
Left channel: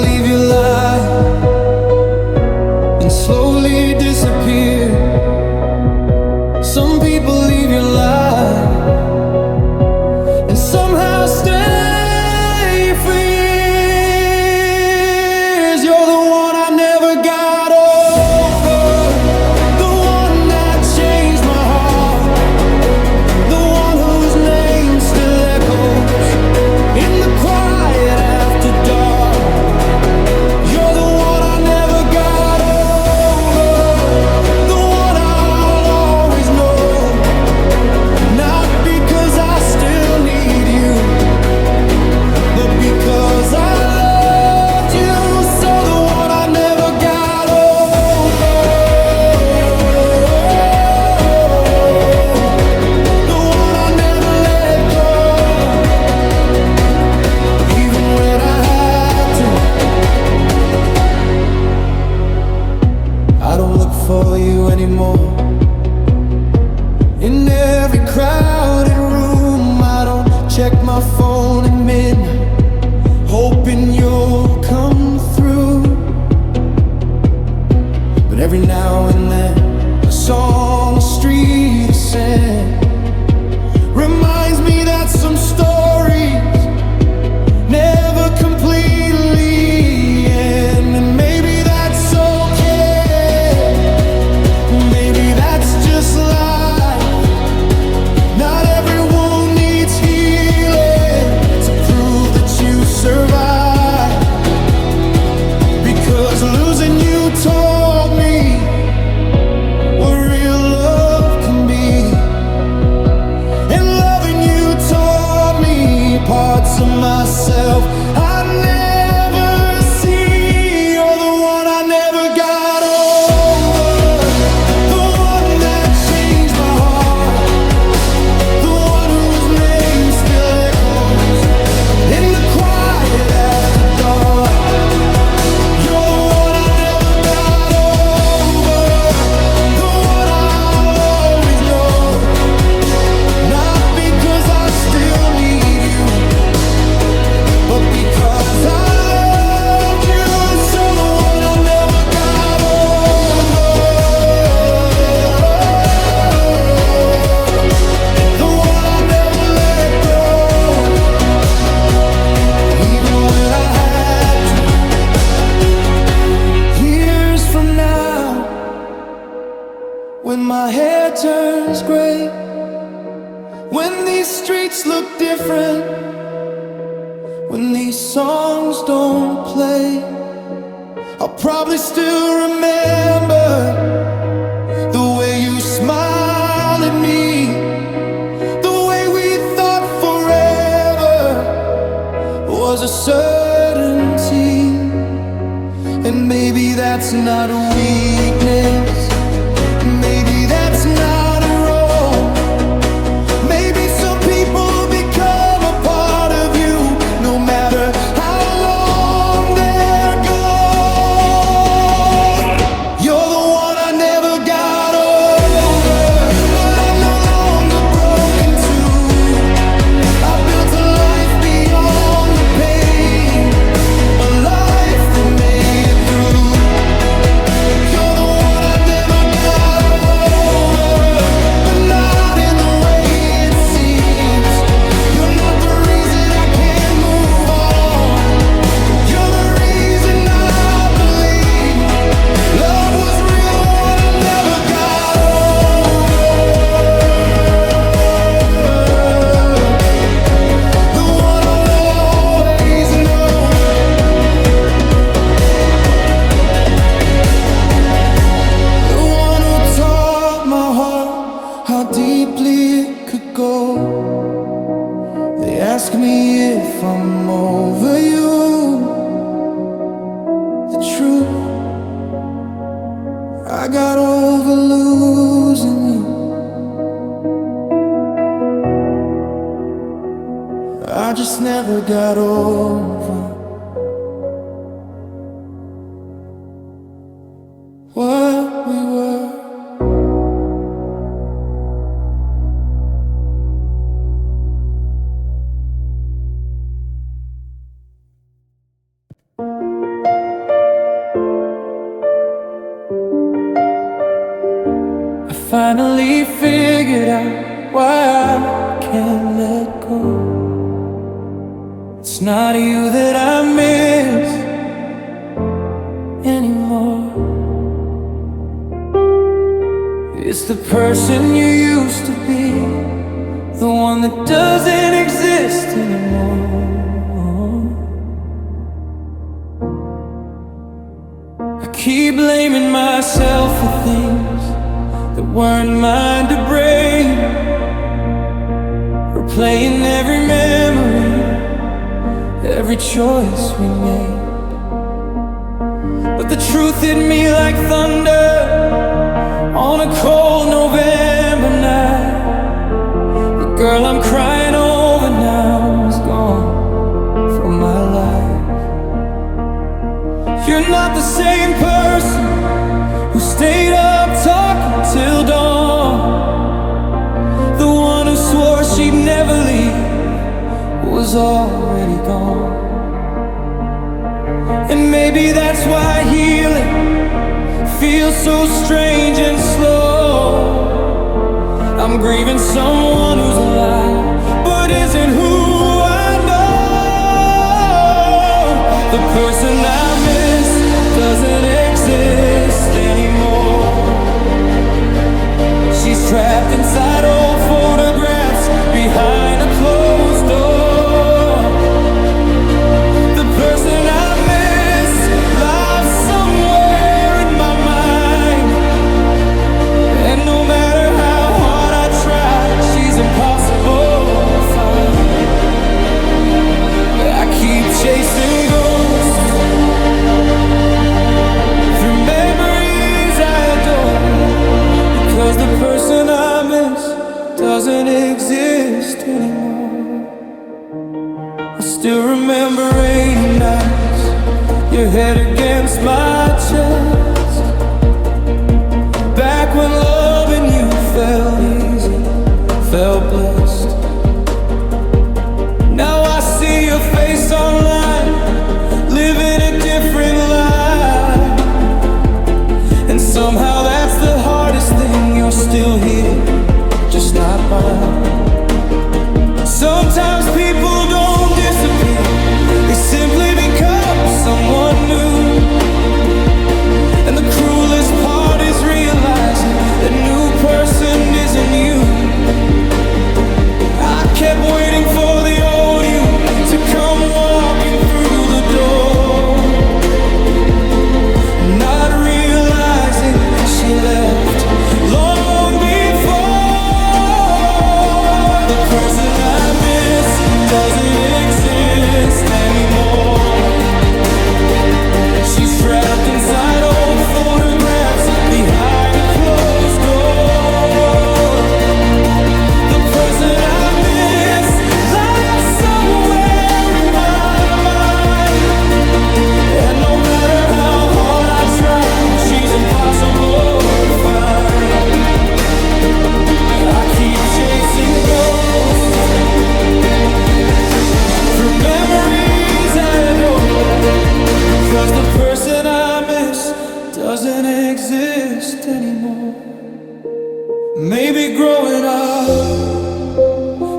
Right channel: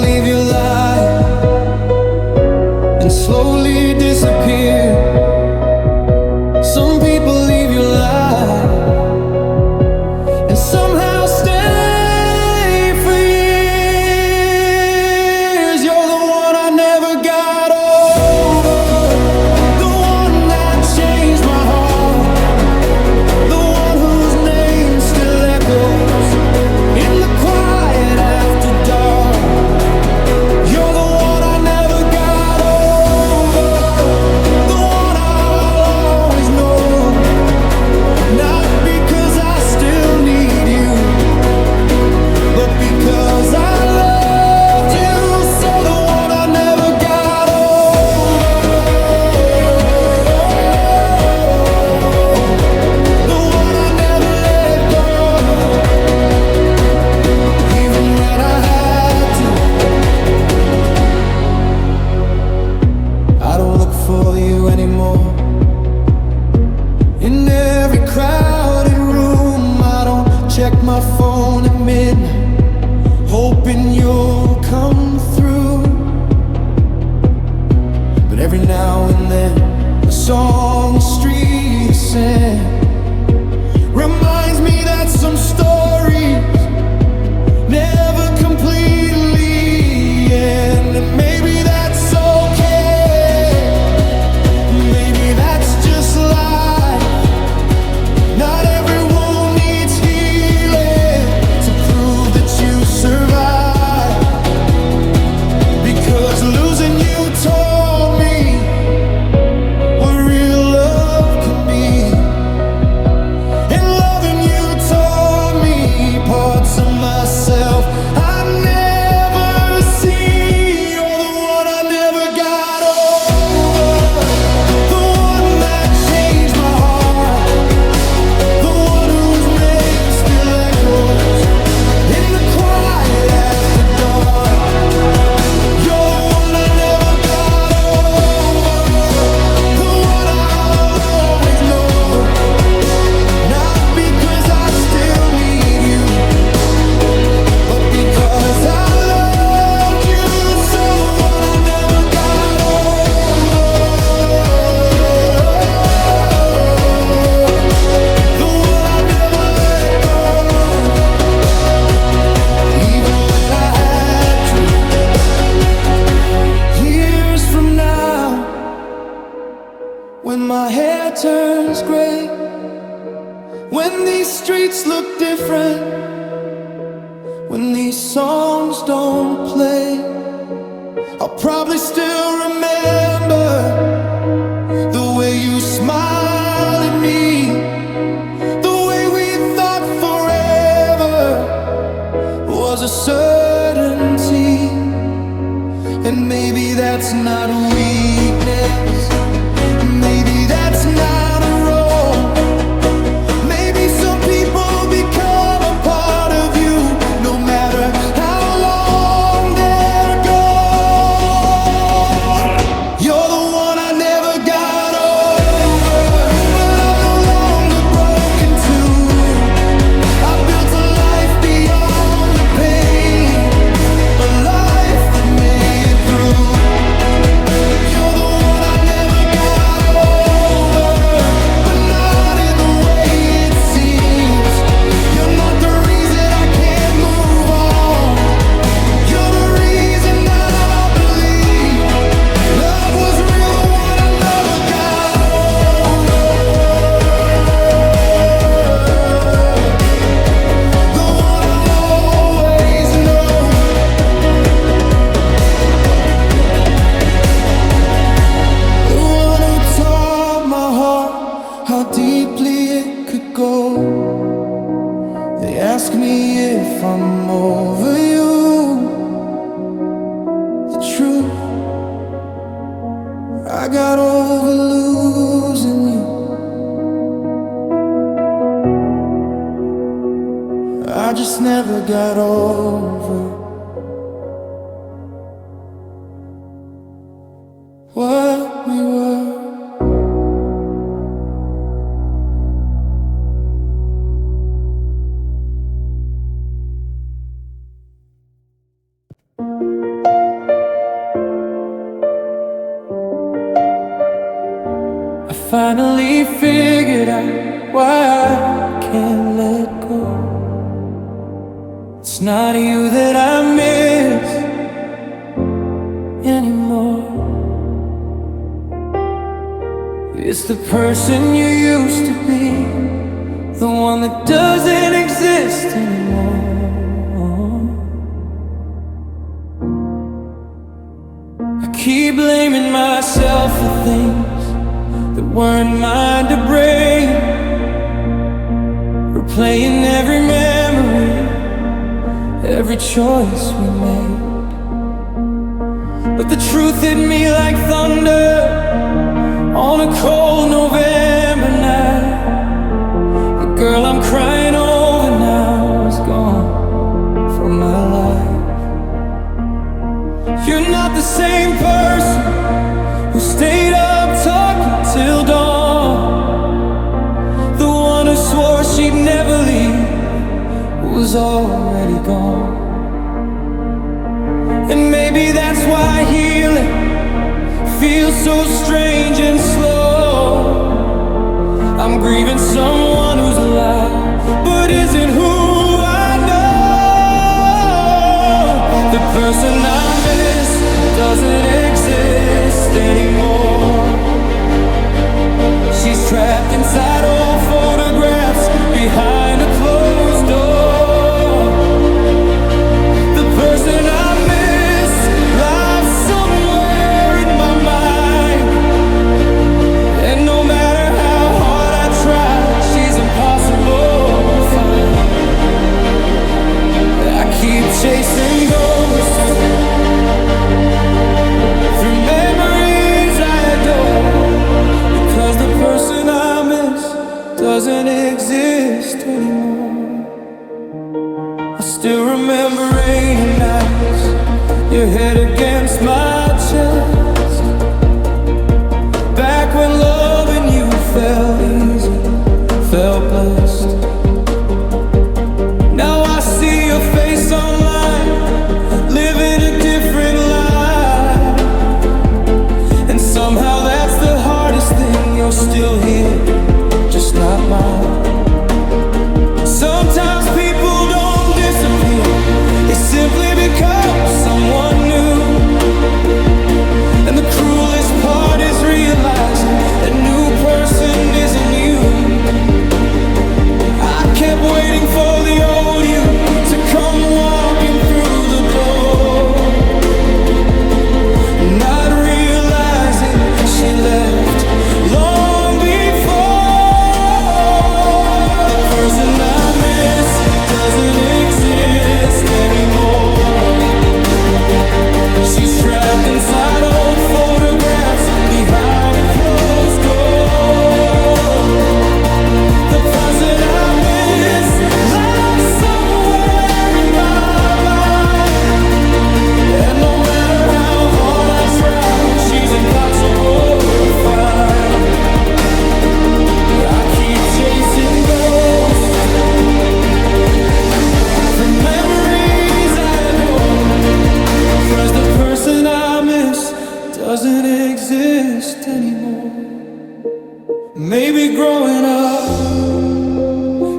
check my phone at midnight, hoping you'll come through. But every now and then a song, a street, a sand reminds me that some stories never completely end. And maybe that's okay, maybe that's just life. Not every wound needs healing to prove that you survive. Because losing you taught me what real love can be, and loving you taught me parts of myself I never see. You're the one I never got over, the one that changed my heart, the one whose name still echoes in the quiet after dark. You're the one I never got over, the one I'll always know. Not because I still need you, but because I loved you. So the one I never got over, the one I never let go, even when I had to. Years from now, when my hair turns gray, when these streets look different, when these songs don't play, I'll probably still remember the way you smiled at me, the way we thought forever was a certainty. And maybe that's not a weakness, maybe that's not a wrong. Maybe some people become a part of you, no matter how long they're gone. You're the one I never got over, but I'm no longer broken too. I built a life beyond the pain, a life that made it through. You're the one I never got over, but not in the way it seems. You're not the reason I can't move on. You're the reason I believe love was real, the one I never got over, the one I'll always know. The one who taught my heart how deeply it could go. They ask me if I'm over you. The truth, I got over losing you. I just never got over what we were. I finally figured out why I can't let go. It's not you that I miss anymore. It's the person you used to be, the one that doesn't exist anymore. I keep blaming myself for things that weren't mine to break, replaying every memory, every choice we made. But the truth hit me like thunder on a cold November night. The girl I'm crying over now is gone from my life. You're not the same person who stayed up talking till dawn, the one who swore she'd never leave was already gone. And maybe that's why healing feels so strange and slow. I'm grieving someone who's alive but isn't who I know. The person I miss doesn't exist anymore. She's trapped inside old photographs behind a closed door. The person I miss lives somewhere in my mind, and no matter how hard I try, she's impossible to find. I keep chasing ghosts through memories I adore, because the person I miss doesn't exist anymore. I still remember rainy nights, your head against my chest, back when loving you felt easy, felt blessed. Now I see your face online, living a different life, and somehow that's the hardest thing. You're still here, just not mine. Sometimes people don't disappear, they simply become someone new. And the cruelest part is realizing that new person isn't you. I kept waiting for the old you to come walking through the door, not realizing she left long before. The person I miss doesn't exist anymore. She's trapped inside old photographs behind a closed door. The person I miss lies somewhere in my mind, and no matter how hard I try, she's impossible to find. I keep chasing ghosts through memories I adore, 'cause the person I miss doesn't exist anymore. Maybe growing up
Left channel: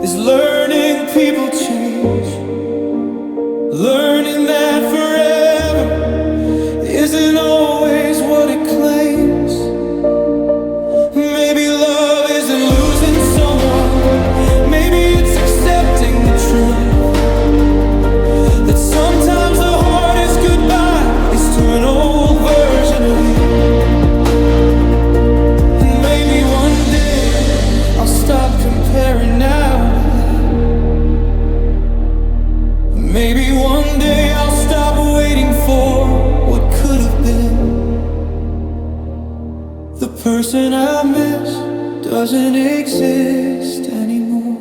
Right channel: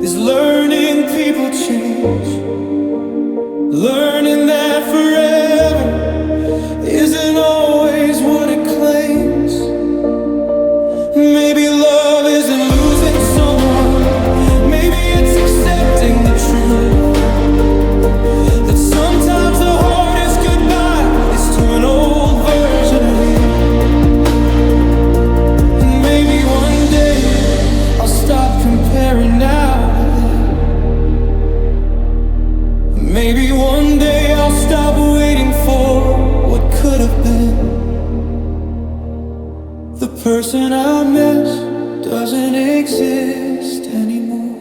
is learning people change, learning that forever isn't always what it claims. Maybe love isn't losing someone, maybe it's accepting the truth that sometimes the hardest goodbye is to an old version of you. And maybe one day I'll stop comparing now to then. Maybe one day I'll stop waiting for what could have been. The person I miss doesn't exist anymore,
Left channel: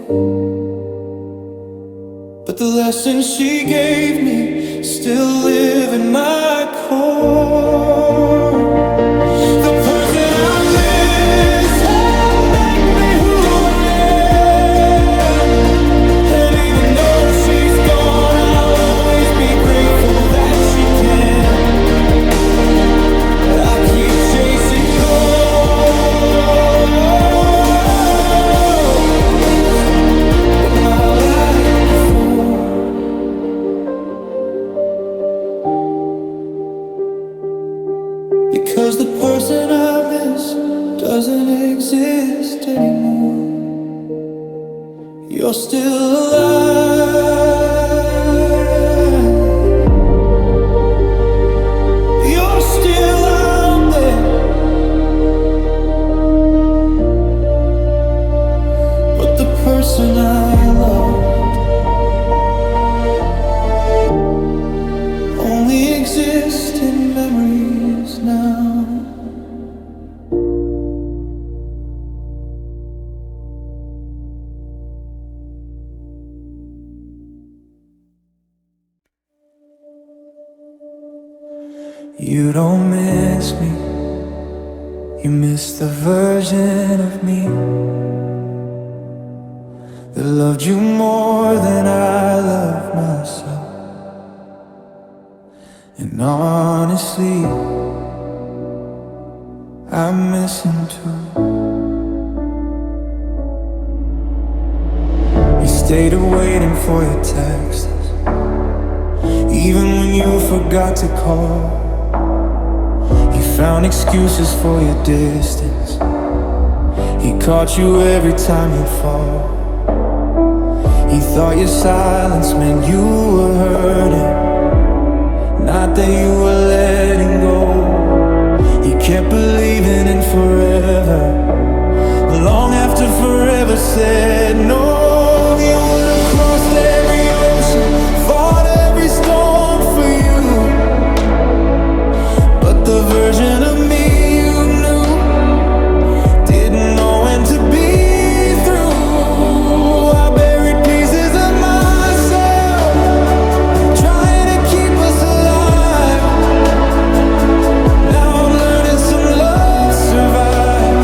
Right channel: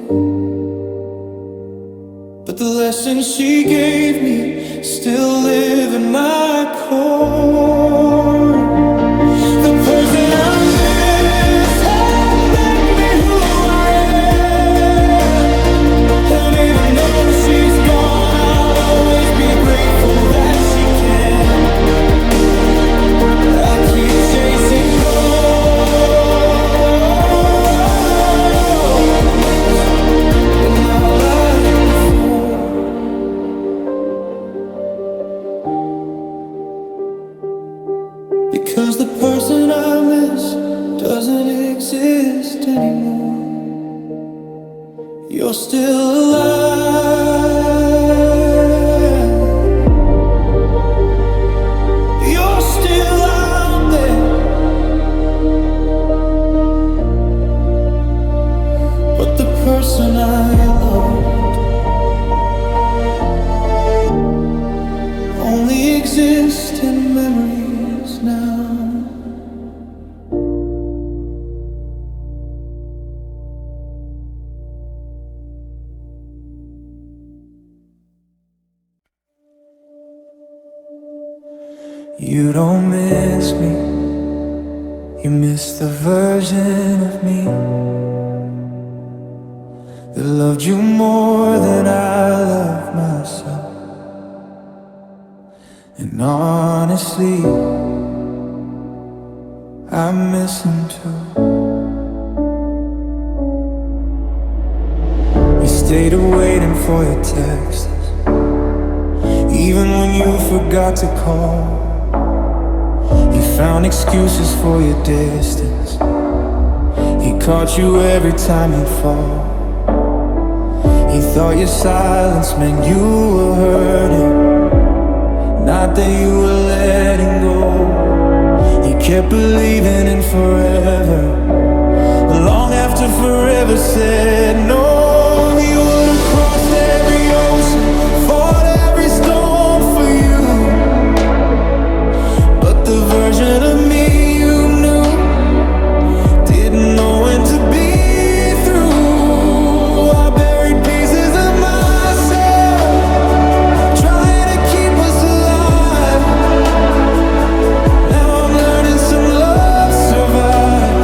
but the lessons she gave me still live in my core. The person I miss helped make me who I am, and even though she's gone, I'll always be grateful that she can. I keep chasing goals, but not like before. Because the person I miss doesn't exist anymore. You're still alive, you're still out there, but the person I loved only exists in memories now. You don't miss me, you miss the version of me that loved you more than I love myself. And honestly, I miss him too. He stayed waiting for your texts, even when you forgot to call. He found excuses for your distance. He caught you every time you'd fall. He thought your silence meant you were hurting, not that you were letting go. He kept believing in forever, long after forever said no. He would have crossed every ocean, fought every storm for you, but the version of me you knew didn't know when to be through. I buried pieces of myself, trying to keep us alive. Now I'm learning some love survive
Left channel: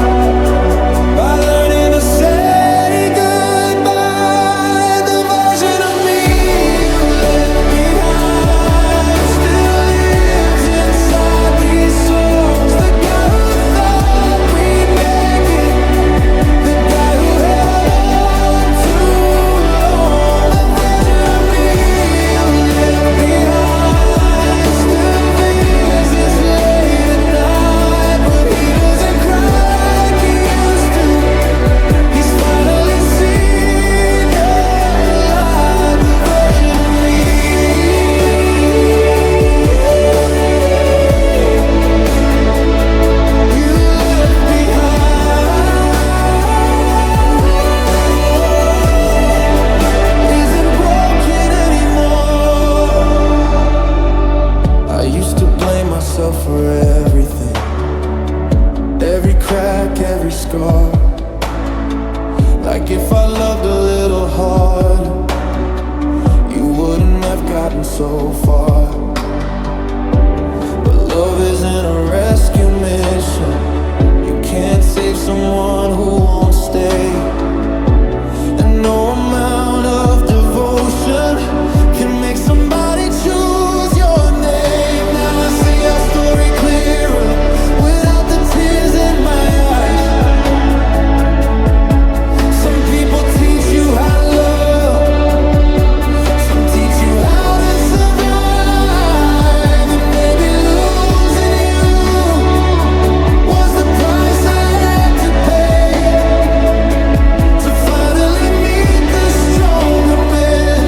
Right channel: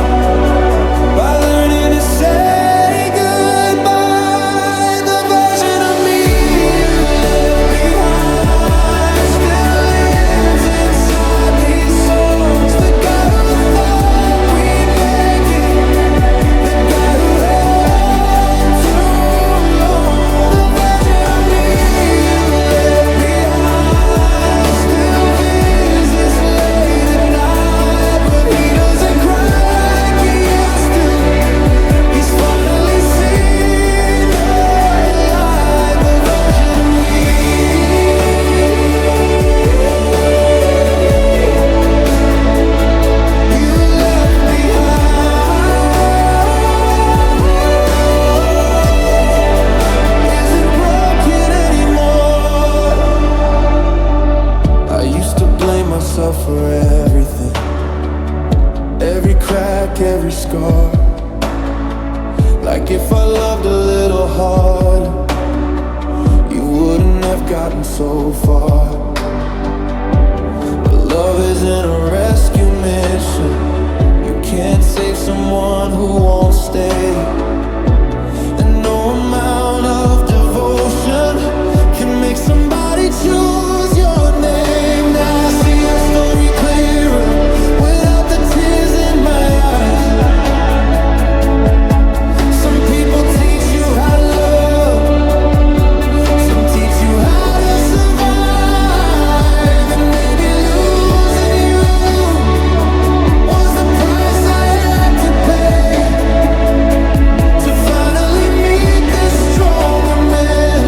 by learning to say goodbye. The version of me you left behind still lives inside these songs. The guy who thought we'd make it, the guy who held on too long. The version of me you left behind still visits late at night, but he doesn't cry like he used to. He's finally seen the light. The version of me you left behind isn't broken anymore. I used to blame myself for everything, every crack, every scar. Like if I loved a little harder, you wouldn't have gotten so far. But love isn't a rescue mission. You can't save someone who won't stay. And no amount of devotion can make somebody choose your name. Now I see our story clearer without the tears in my eyes. Some people teach you how to love, some teach you how to survive. And maybe losing you was the price I had to pay to finally meet the stronger man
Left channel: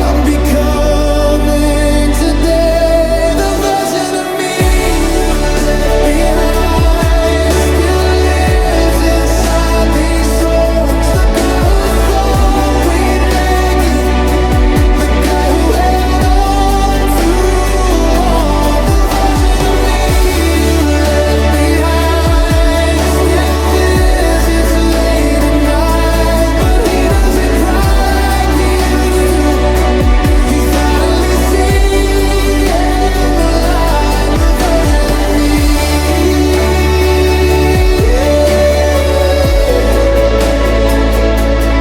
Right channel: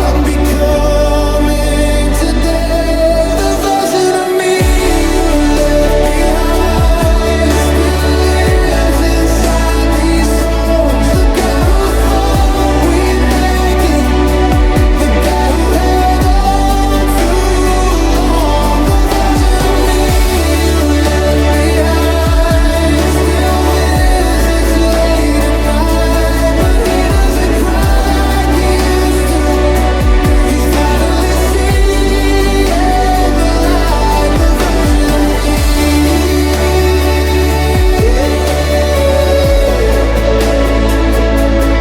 I'm becoming today. The version of me you left behind still lives inside these songs. The guy who thought we'd make it, the guy who held on too long. The version of me you left behind still visits late at night, but he doesn't cry like he used to. He's finally seeing the light. The version of me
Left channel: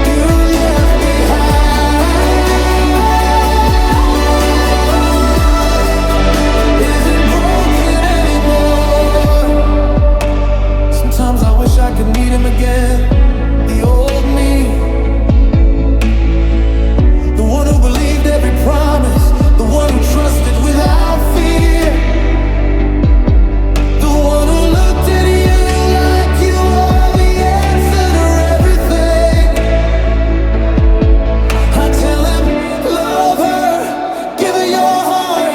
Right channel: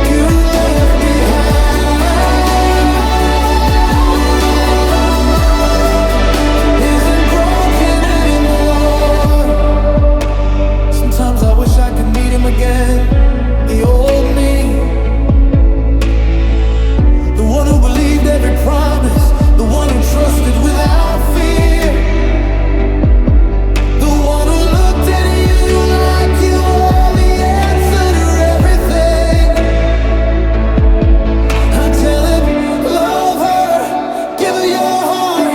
you left behind isn't broken anymore. Sometimes I wish I could meet him again, the old me, the one who believed every promise, the one who trusted without fear, the one who looked at you like you were the answer to everything. I tell him, love her, give her your heart,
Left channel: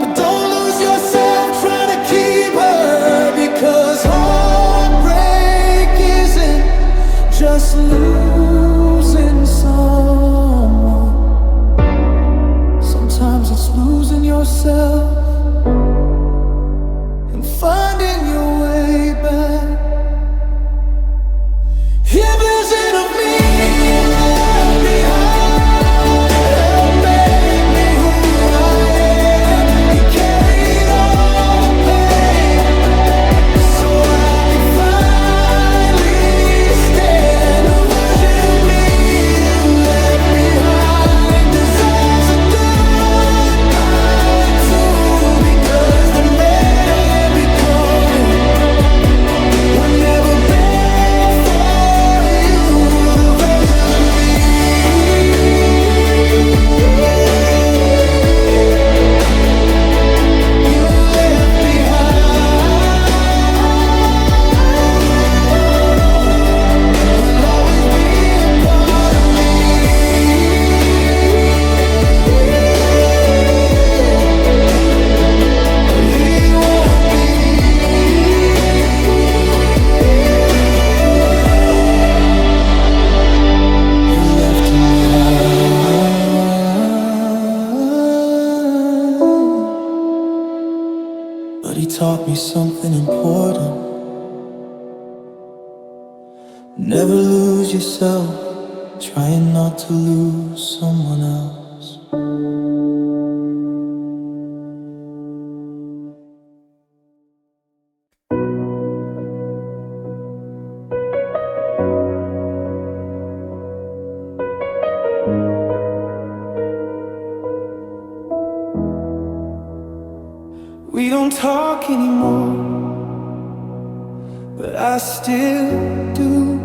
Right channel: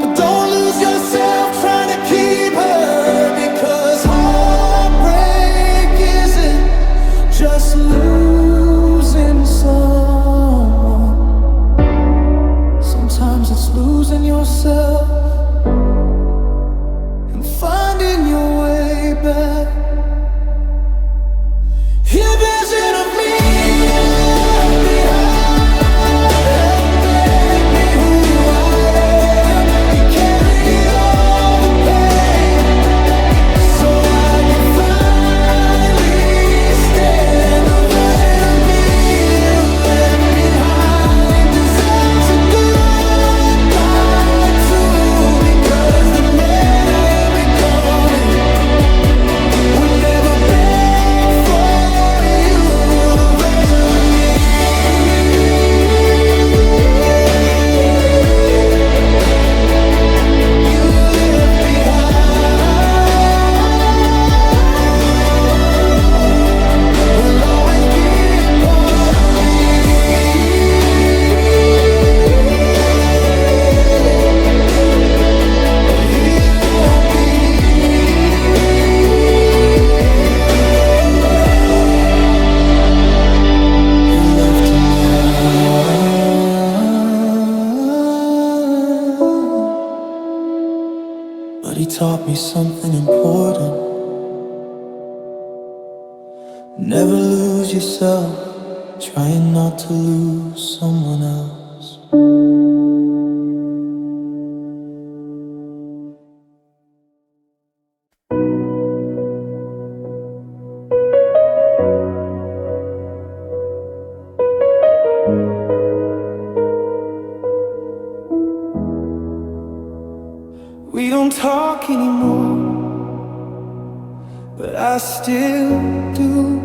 but don't lose yourself trying to keep her, because heartbreak isn't just losing someone. Sometimes it's losing yourself and finding your way back. Here, version of me you left behind, help make me who I am. You carried all the pain so I could finally stand. The version of me but he taught me something important. Never lose yourself, trying not to lose someone else. We don't talk anymore, but I still do.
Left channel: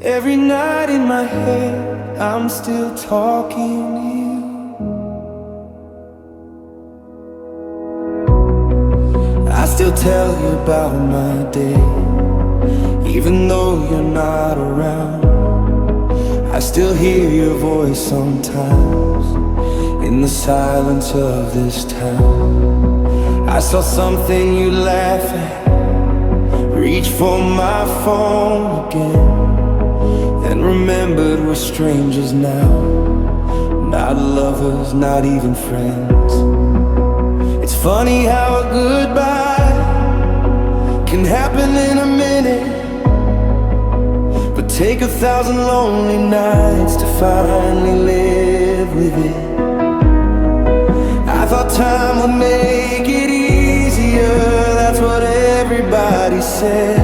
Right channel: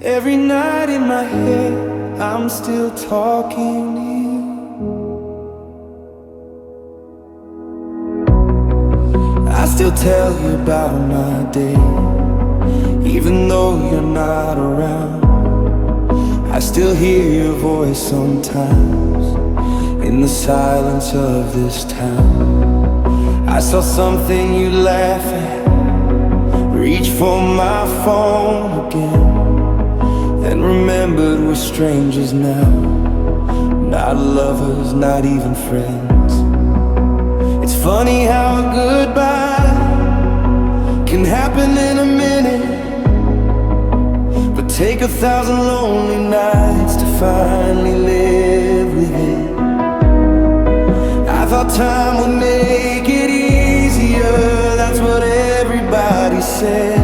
Every night in my head, I'm still talking to you. I still tell you about my day, even though you're not around. I still hear your voice sometimes in the silence of this town. I saw something you laugh at, reach for my phone again, then remembered we're strangers now, not lovers, not even friends. It's funny how a goodbye can happen in a minute, but take 1,000 lonely nights to finally live with it. I thought time would make it easier, that's what everybody said.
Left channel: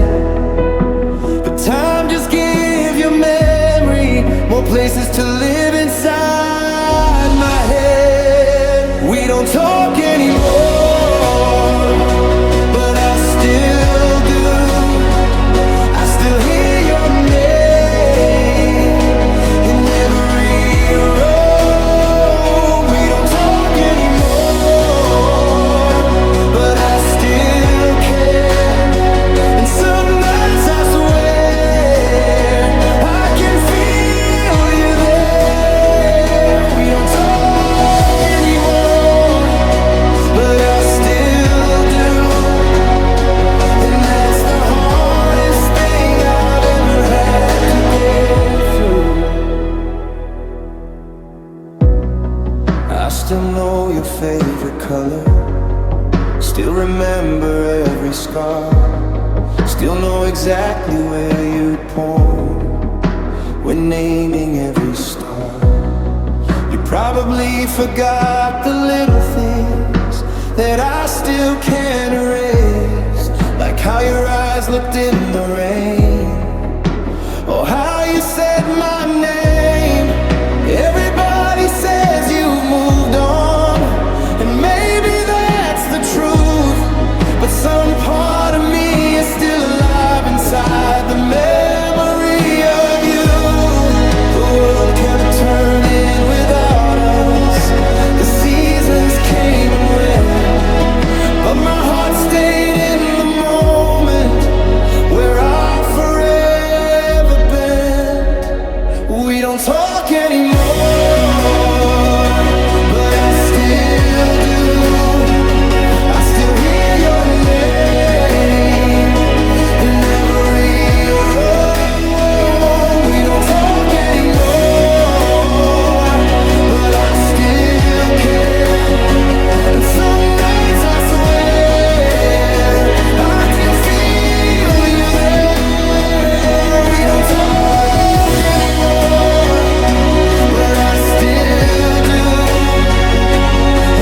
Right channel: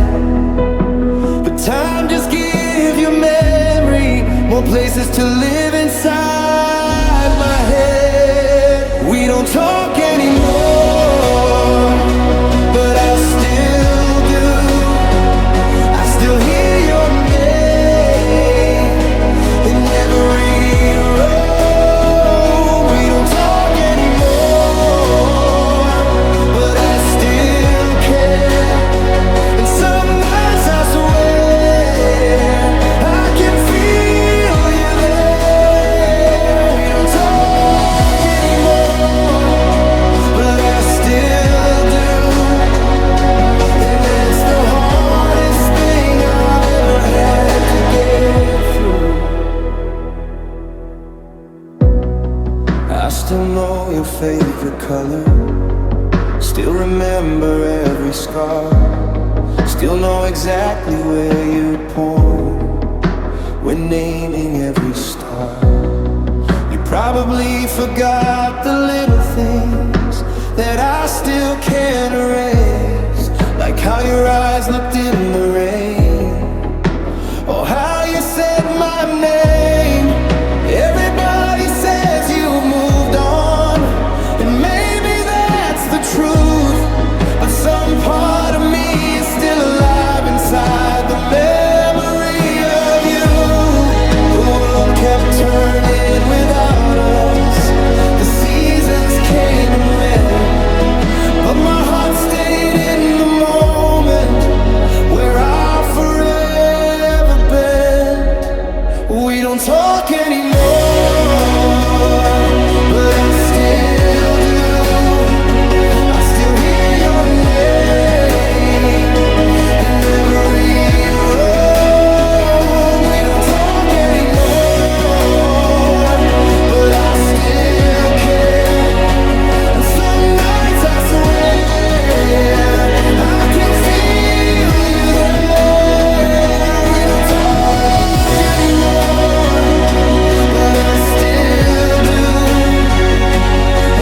But time just gives your memory more places to live inside my head. We don't talk anymore, but I still do. I still hear your name in every room. We don't talk anymore, but I still care. And some nights I swear I can feel you there. We don't talk anymore, but I still do. And that's the hardest thing I've ever had to get through. I still know your favorite color, still remember every scar, still know exactly where you'd point when naming every star. You probably forgot the little things that I still can't erase, like how your eyes looked in the rain, or how you said my name. Everybody says you've moved on, and maybe that's the truth, but some part of me is still alive inside the memory of you. The world kept turning without us, the seasons came and went, but my heart stayed in the moment where I'll forever bend. We don't talk anymore, but I still do. I still hear your name in every room. We don't talk anymore, but I still care. And some nights I swear I can feel you there. We don't talk anymore, but I still do.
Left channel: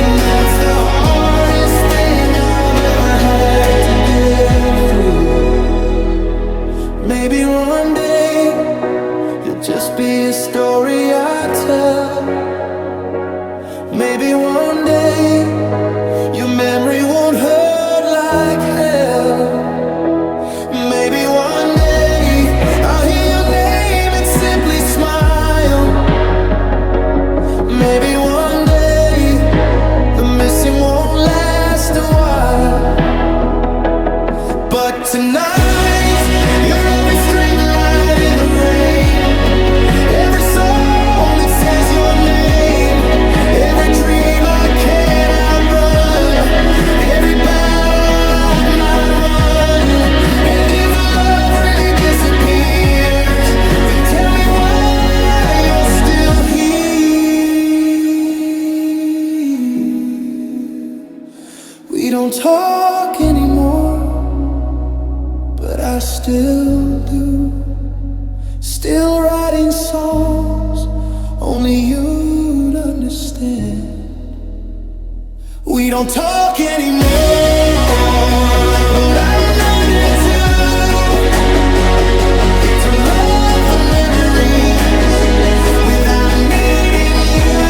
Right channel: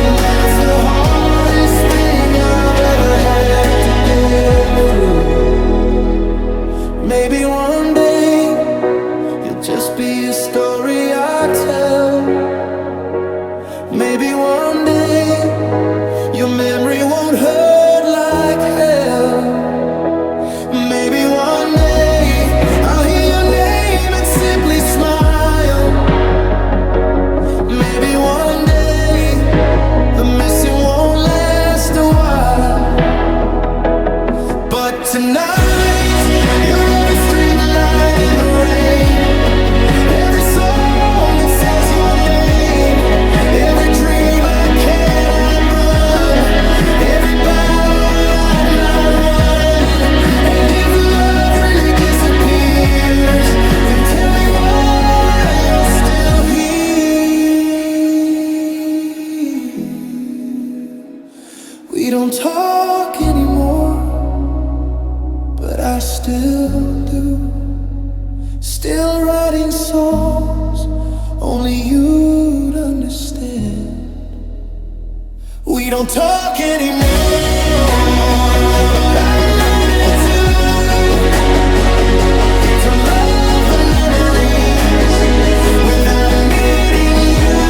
And that's the hardest thing I've ever had to get through. Maybe one day you'll just be a story I tell. Maybe one day your memory won't hurt like hell. Maybe one day I'll hear your name and simply smile. Maybe one day the missing won't last a while. But tonight, you're every street light in the rain, every song that says your name, every dream I can't outrun, every battle I've not won. And if love really disappears, then tell me why you're still here. We don't talk anymore, but I still do. Still writing songs only you'd understand. We don't talk anymore, but I'm learning to love the memories without needing you.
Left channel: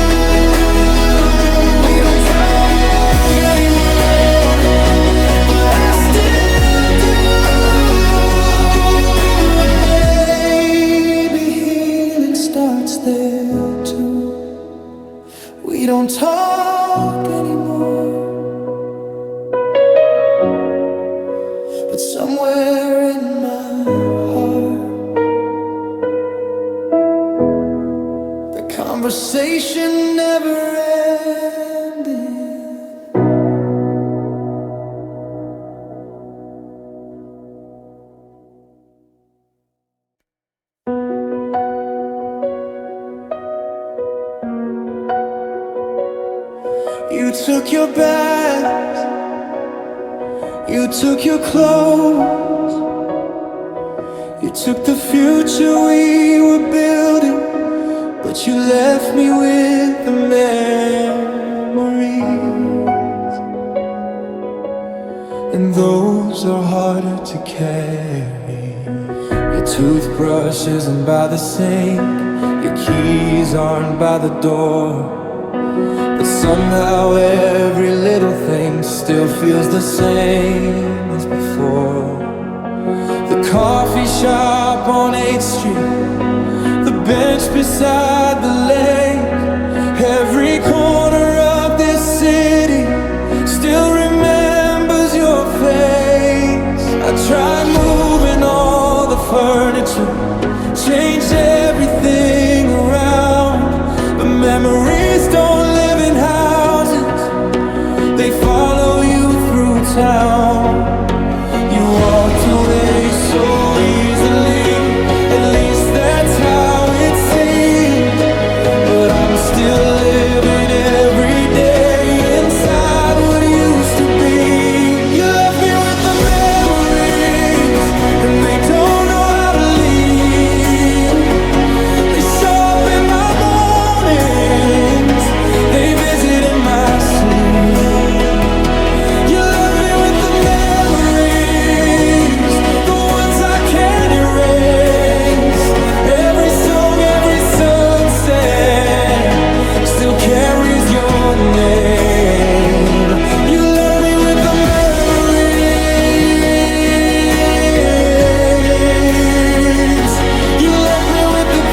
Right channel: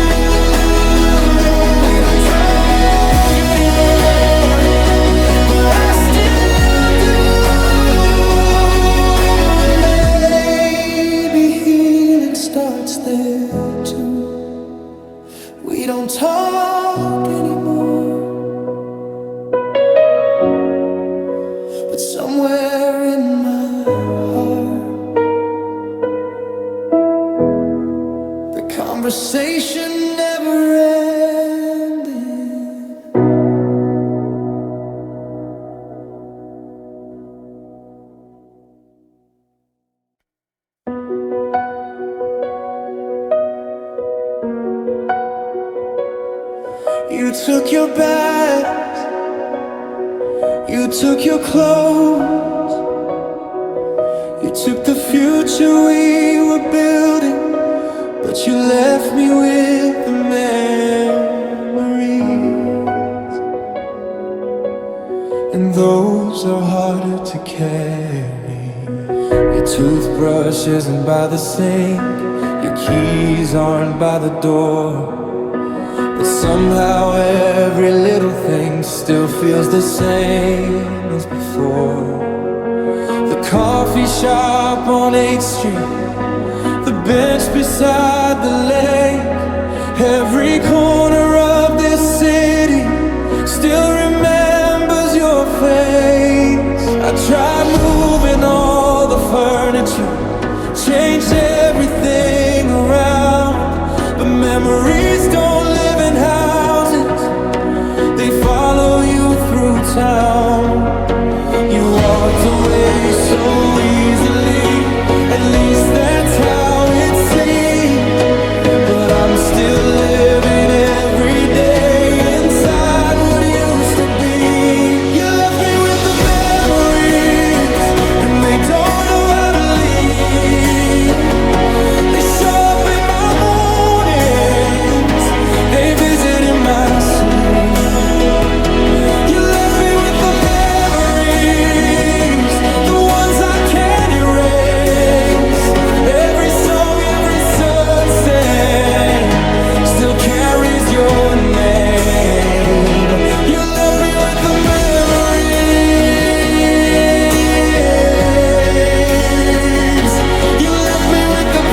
We don't talk anymore, but I still do. And maybe healing starts there too. We don't talk anymore, but somewhere in my heart, the conversation never ended. You took your bags, you took your clothes, you took the future we were building, but you left me with the memories, and those are harder to carry. Your toothbrush isn't by the sink, your keys aren't by the door, but somehow every little thing still feels the same as before. The coffee shop on 8th Street, the bench beside the lake, every corner of this city still remembers your face. I tried moving all the furniture, changed everything around, but memories don't live in houses, they follow you through town. You walked away so easily, at least that's how it seemed, but I'm still living every day inside what used to be. You left me with the memories, and they don't know how to leave. They show up in my mornings, they visit in my sleep. You left me with the memories, the ones I can't erase. Every song, every sunset still carries your name. You left me with the memories, you left me with the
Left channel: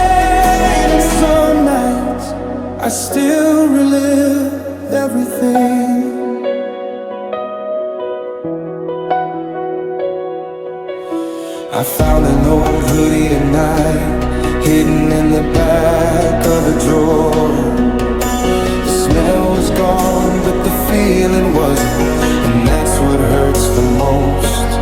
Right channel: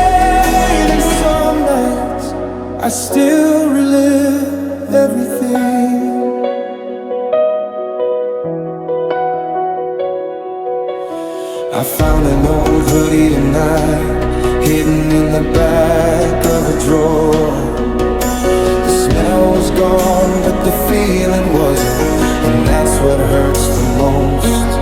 pain. And some nights I still relive everything. I found an old hoodie tonight, hidden in the back of a drawer. The smell was gone, but the feeling wasn't, and that's what hurts the most.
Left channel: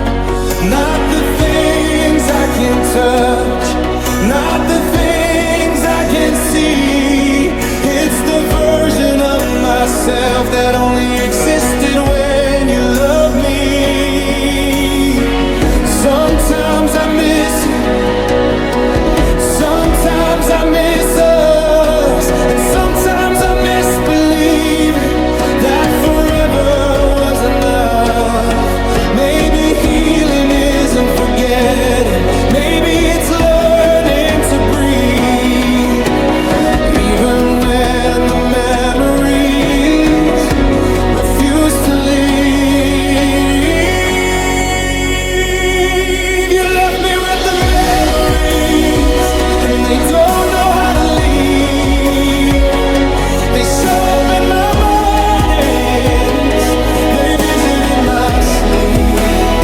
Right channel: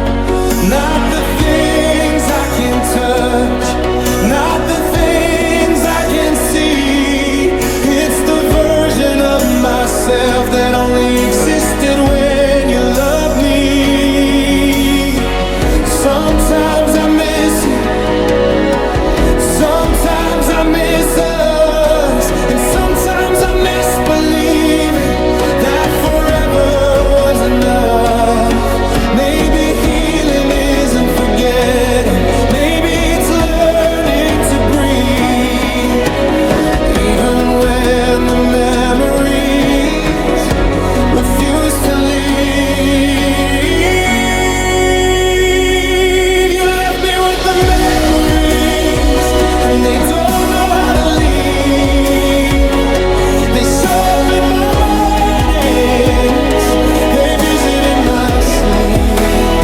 Not the things I can touch, not the things I can see. It's the version of myself that only existed when you loved me. Sometimes I miss you, sometimes I miss us, and sometimes I miss believing that forever was enough. Maybe healing isn't forgetting, maybe it's learning to breathe, even when the memories refuse to leave. They don't know how to leave. They show up in my mornings, they visit in my sleep.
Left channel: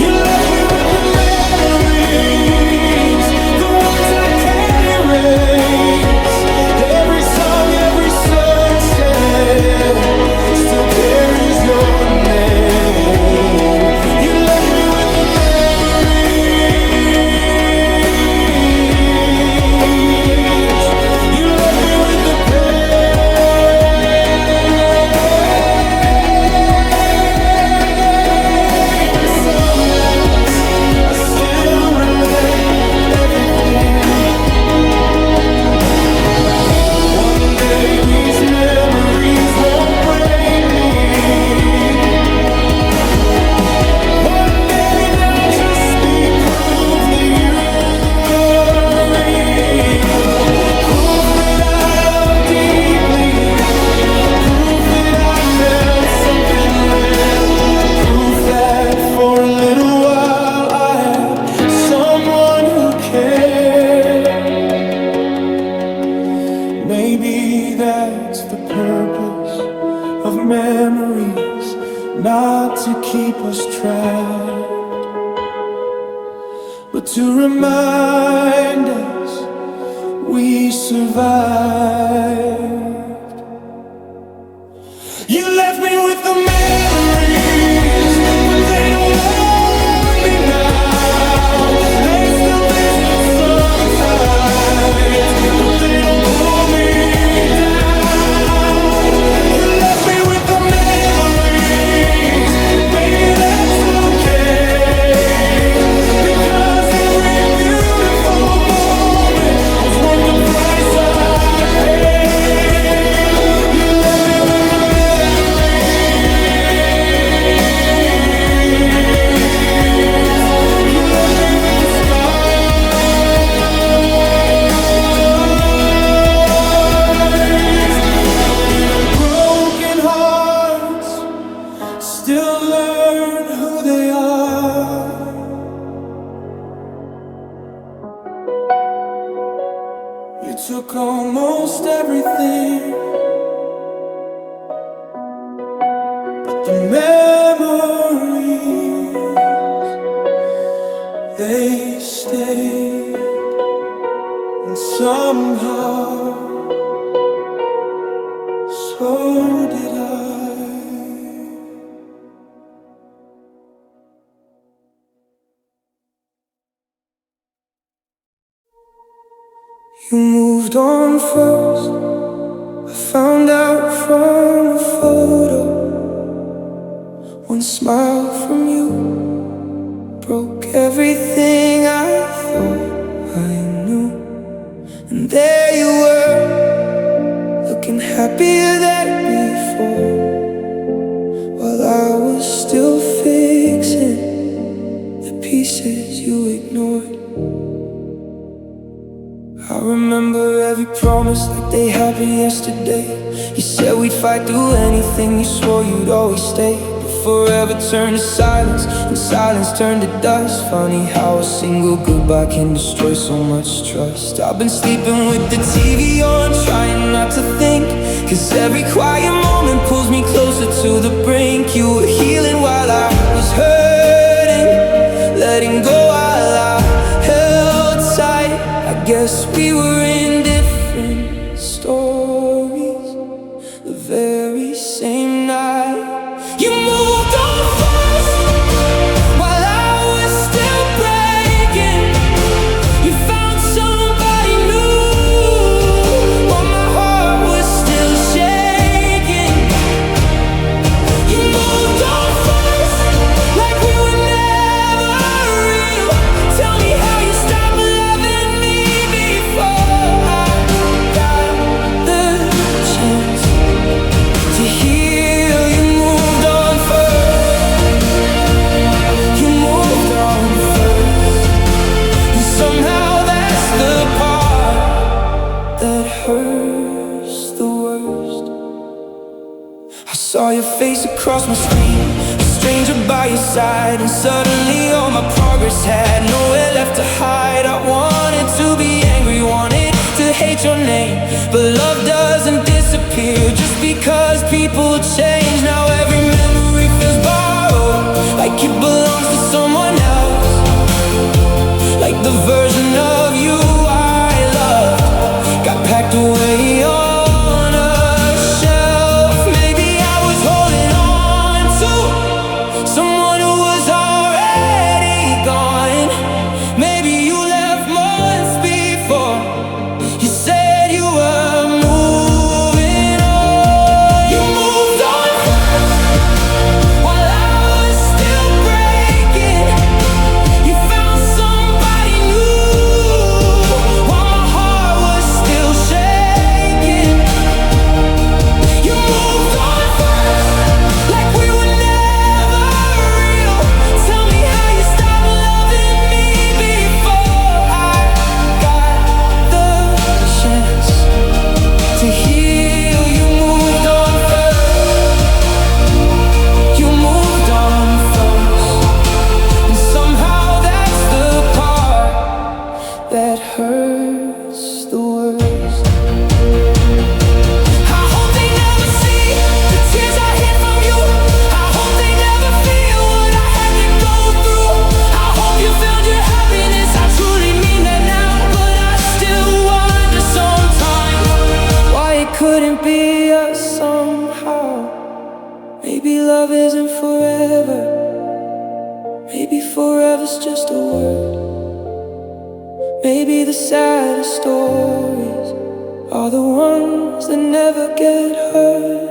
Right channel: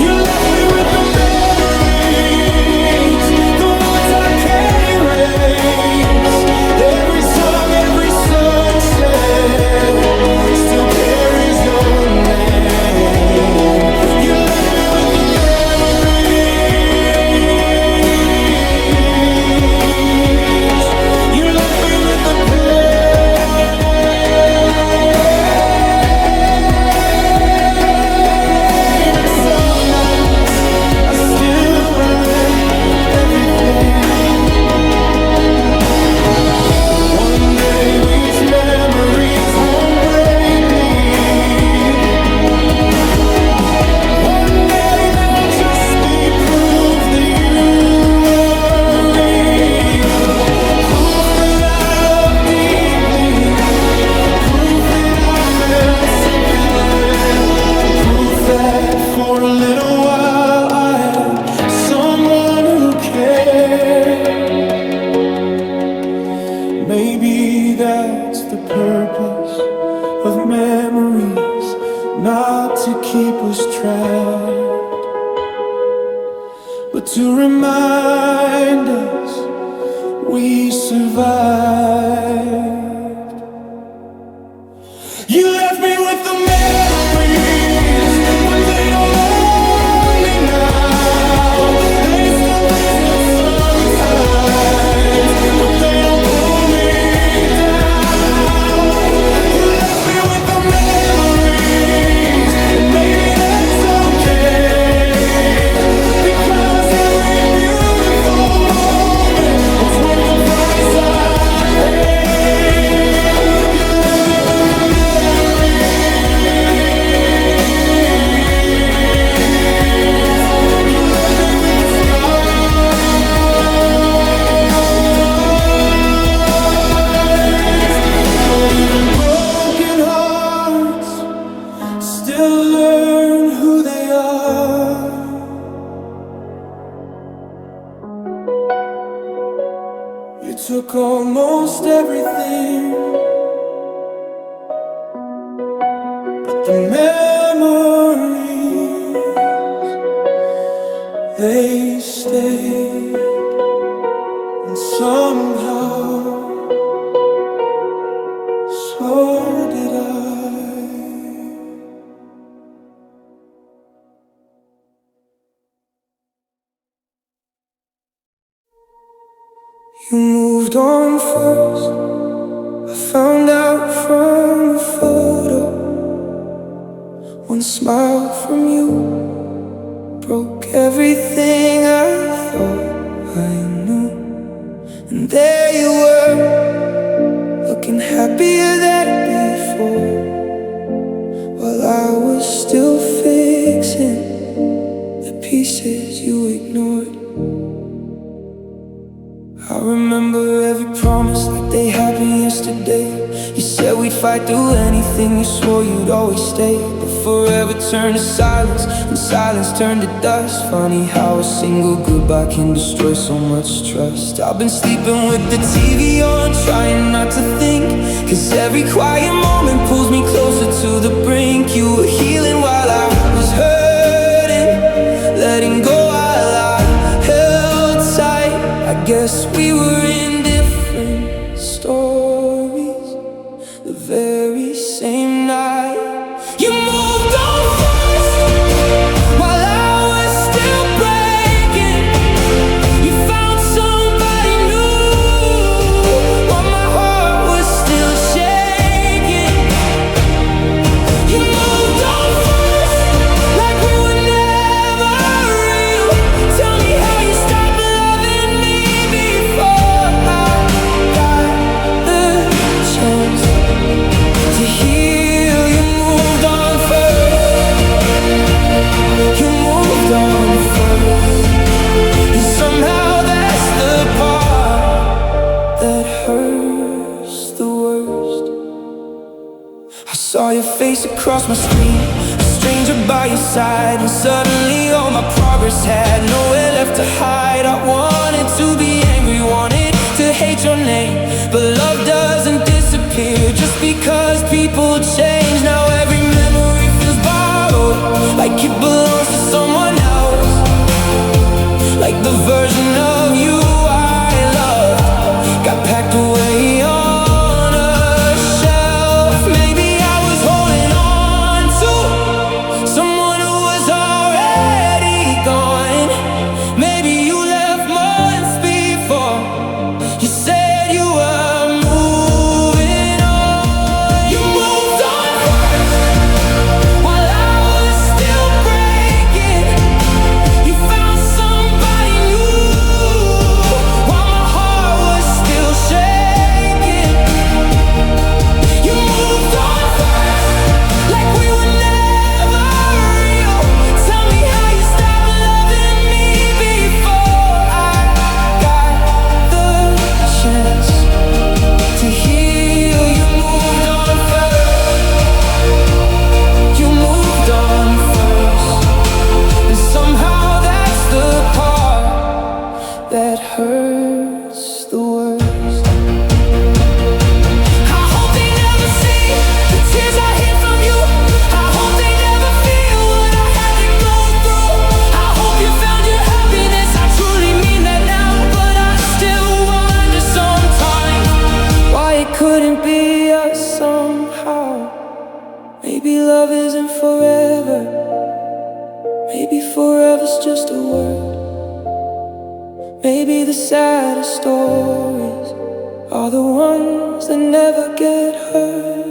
You left me with the memories, the ones I can't erase. Every song, every sunset still carries your name. You left me with the memories, the pain. And some nights I still relive everything. One day these memories won't break me. One day they'll just be proof that you were real. Proof that I love deeply. Proof that I felt something real. Proof that for a little while I had someone who cared. Maybe that's the purpose of memories, not to keep us trapped, but to remind us we survived. You left me with the memories, but they don't own me now. They still visit sometimes, but they don't pull me down. You left me with the memories, and maybe that's okay, because every beautiful moment was worth the price I paid. You left me with the memories. You left me with the scars. But even broken hearts still learn who they are. You took almost everything, but the memories, they stayed. And somehow, so did I. You moved on first. I found out from a photo. One smile from you broke everything I thought I knew. And there you were, looking happier than before, while I was still fixing the pieces you ignored. I remember every promise like they happened yesterday. You said we'd fight through anything, you swore you'd always stay. But forever turned to silence, and silence turned to dust. Funny how a single goodbye can destroy so much trust. I've been sleeping with the TV on, trying not to think, 'cause every quiet moment pulls me closer to the brink. You were healing while I was hurting, letting go while I held tight. I guess we were in different stories the very same night. You moved on first, while I was still breaking. You found somebody new, while my heart was still shaking. You moved on first, like we were never real. Tell me how you stopped loving me before I got the chance to heal. You moved on first. You moved on first. And somehow that's the part that hurts the worst. I saw your face across my screen, a stranger by your side, and suddenly all my progress had nowhere left to hide. I wanted to be angry, wanted to hate your name, but love doesn't disappear just because people change. Now every memory feels borrowed, like it belongs to someone else, like the version of you I loved got packed away on a shelf. Maybe I was holding on to someone who was already gone. Maybe you left months before you said you were moving us somehow. Maybe love isn't forever. Maybe forever's just a word. Maybe the saddest stories are the ones that never get heard.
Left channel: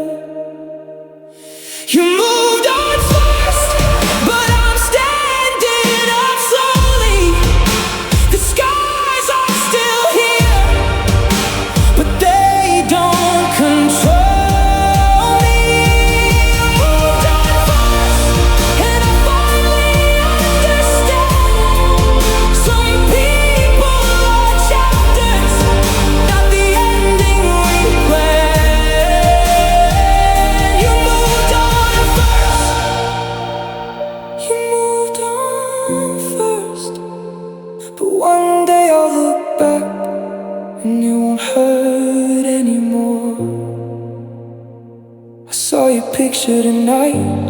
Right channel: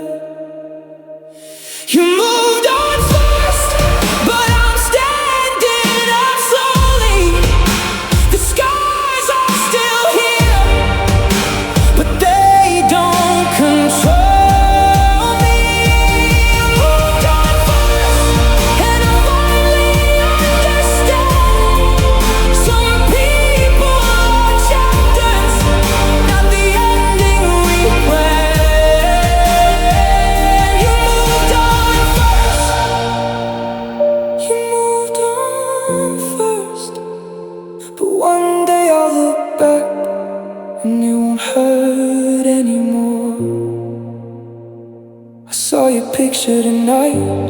You moved on first, but I'm standing up slowly. The scars are still here, but they don't control me. You moved on first, and I finally understand. Some people are chapters, not the ending we planned. You moved on first. You moved on first, but one day I'll look back and it won't hurt anymore. I saw your picture tonight,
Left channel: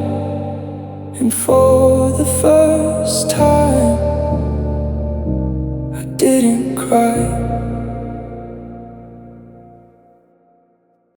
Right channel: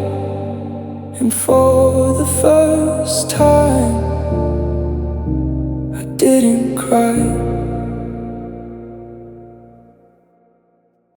and for the first time I didn't cry.